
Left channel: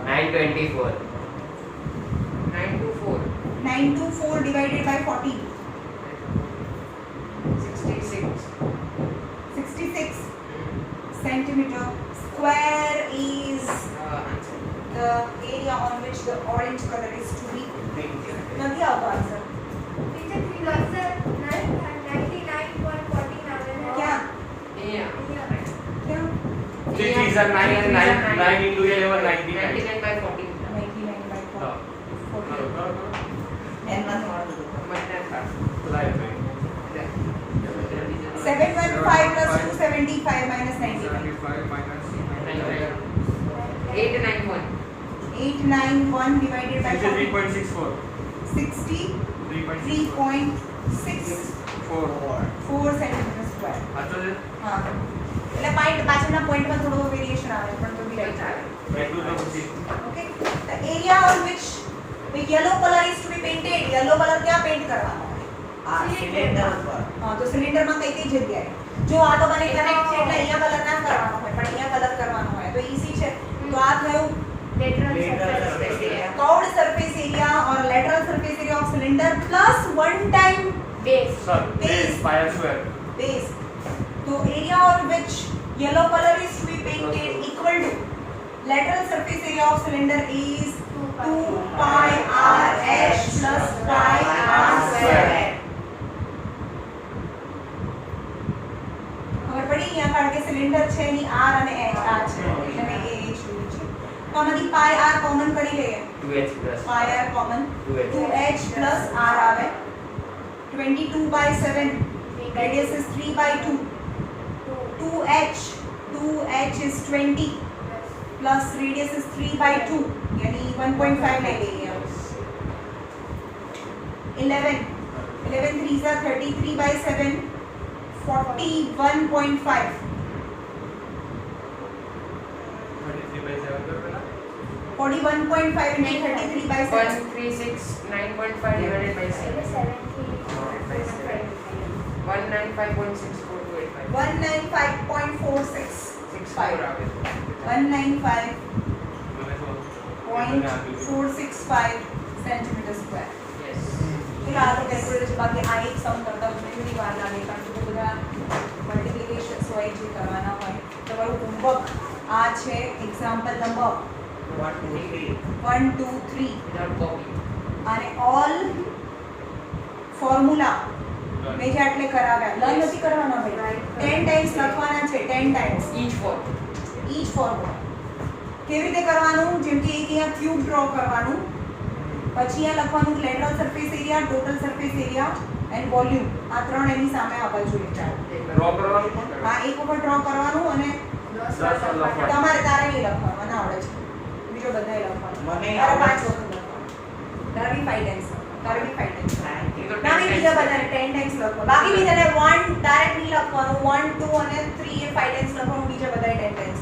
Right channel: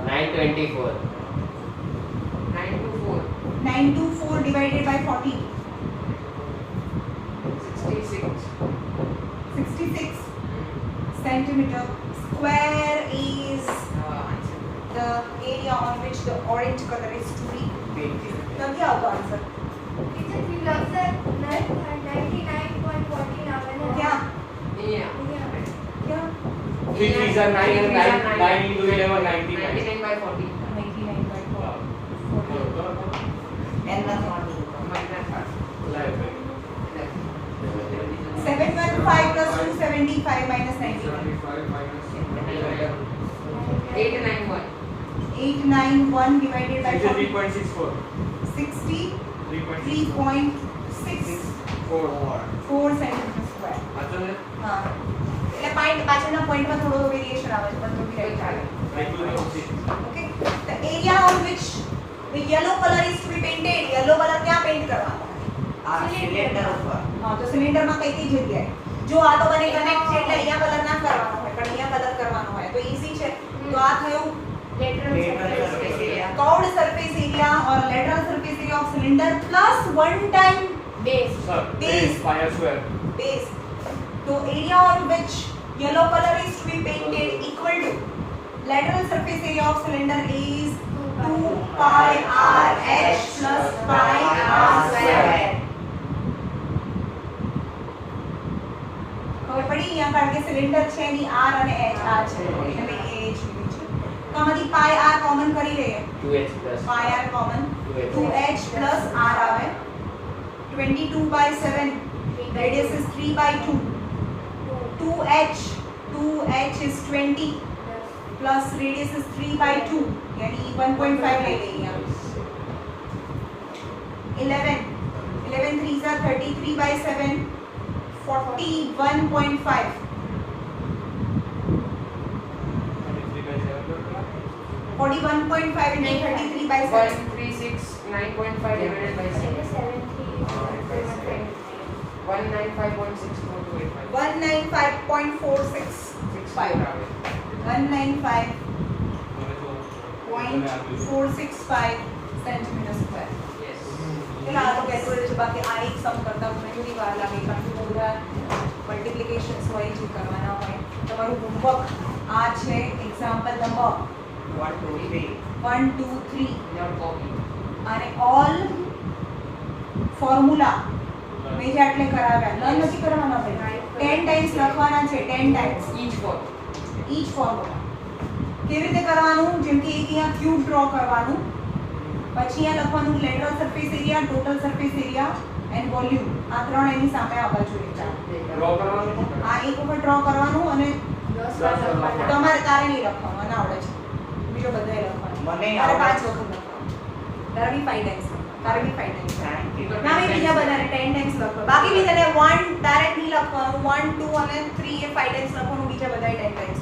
924. 924 divided by 14 66 centimeter square is the area on which the orange color is to be painted. નથી આવતો answer Teacher, we lost the 99.14 hours. ક્યાં Yeah. ક્યાં 3 3s are 9 and 9 into 11 99. 99 by 40 And nothing on the 715 plus 275 minus 99 891. 891 divided by 40 3.64. 63.64 centimeter square आता है હા એટલે point પાછળના પોઈન્ટમાં થોડો વેરિએશન આવે છે પણ તો બી રાઈટ ચાલે Okay, the area on which the yellow color is to be painted. Yellow color ક્યાં પેઇન્ટ કરવાનો cylinder પર. હા તો સિલિન્ડરમાં કઈ કઈ જગ્યાએ જો આ તો બને કનેક્ટ છે એટલે અહીંયા કલર ના કરવાનો હોય પણ અહીંયા કલર કરવાનો હોય તો ઈઝી છે તો આ થયું Lateral Lateral surface surface area. curved surface area or lateral surface area of cylinder plus one time Base. Sir Base. pi square base. So area on which yellow color is to be painted equal to lateral surface area of cylinder is 2 pi r h plus pi r square. ખબર પડી અહીંયા કારણ કે cylinder છે એની r અને h આ છે એટલે મેં એ h લીધું છે તો આમાંથી pi r કોમન કરી લઈએ 2h plus pi r common 2h 2h plus r આવે 22 by 7 radius is 3 by 2 2h is 20 plus radius is 3 by 2 यानी 1.5 ले लेंगे हम 11 3s are 33 by 7 41.5 41.5 into 33 by 7 1369.5 divided by 7 195.465 centimeter square. फिर આ તો કેલ્ક્યુલેટર છે બાકી આ એક સમ કરતા મને થોડી વાર લાગે કારણ કે બધા મલ્ટીપ્લિકેશન્સ હોય જે કરવાના હોય તમારું હોમવર્ક આ છે એક્ઝામ્પલ નંબર 1 2 3 1 2 3 અને ઓલ ફોર્મ્યુલા મેં જે આટલે કરાવ્યા લર્ન નથી કરવાના ભાઈ 10 ટાઈમ્સ લખવાના છે 10 ટાઈમ્સ ઈચ ફોર્મ્યુલા કેવી રીતે કરવાનું જેમ કે એક અહીંયા ક્યુબ ડ્રો કરવાનું પછી અહીંયા લખવાનું lateral surface area total surface area and volume આ ત્રણ એની સામે આવવા જોઈએ ડ્રો કરવાનું આ એક ઉપર ડ્રો કરવાનું અને તમારે તારે નહીં લખવાનું અને આવડે છે બીજો બધાએ લખવાનું મને તારે આવડે 5 વખત લખવાનું તારે બી 5 ટાઈમ્સ તારે બી 5 ટાઈમ્સ Thank you. ના બી બીજા બધાને 10 ટાઈમ્સ લખવાનું બાકી બીજાને 1 તારે નહીં લખવાનું 1 2 અને 3 એ 5 ટાઈમ્સ લખવાનું બીજા બધાએ 10 ટાઈમ્સ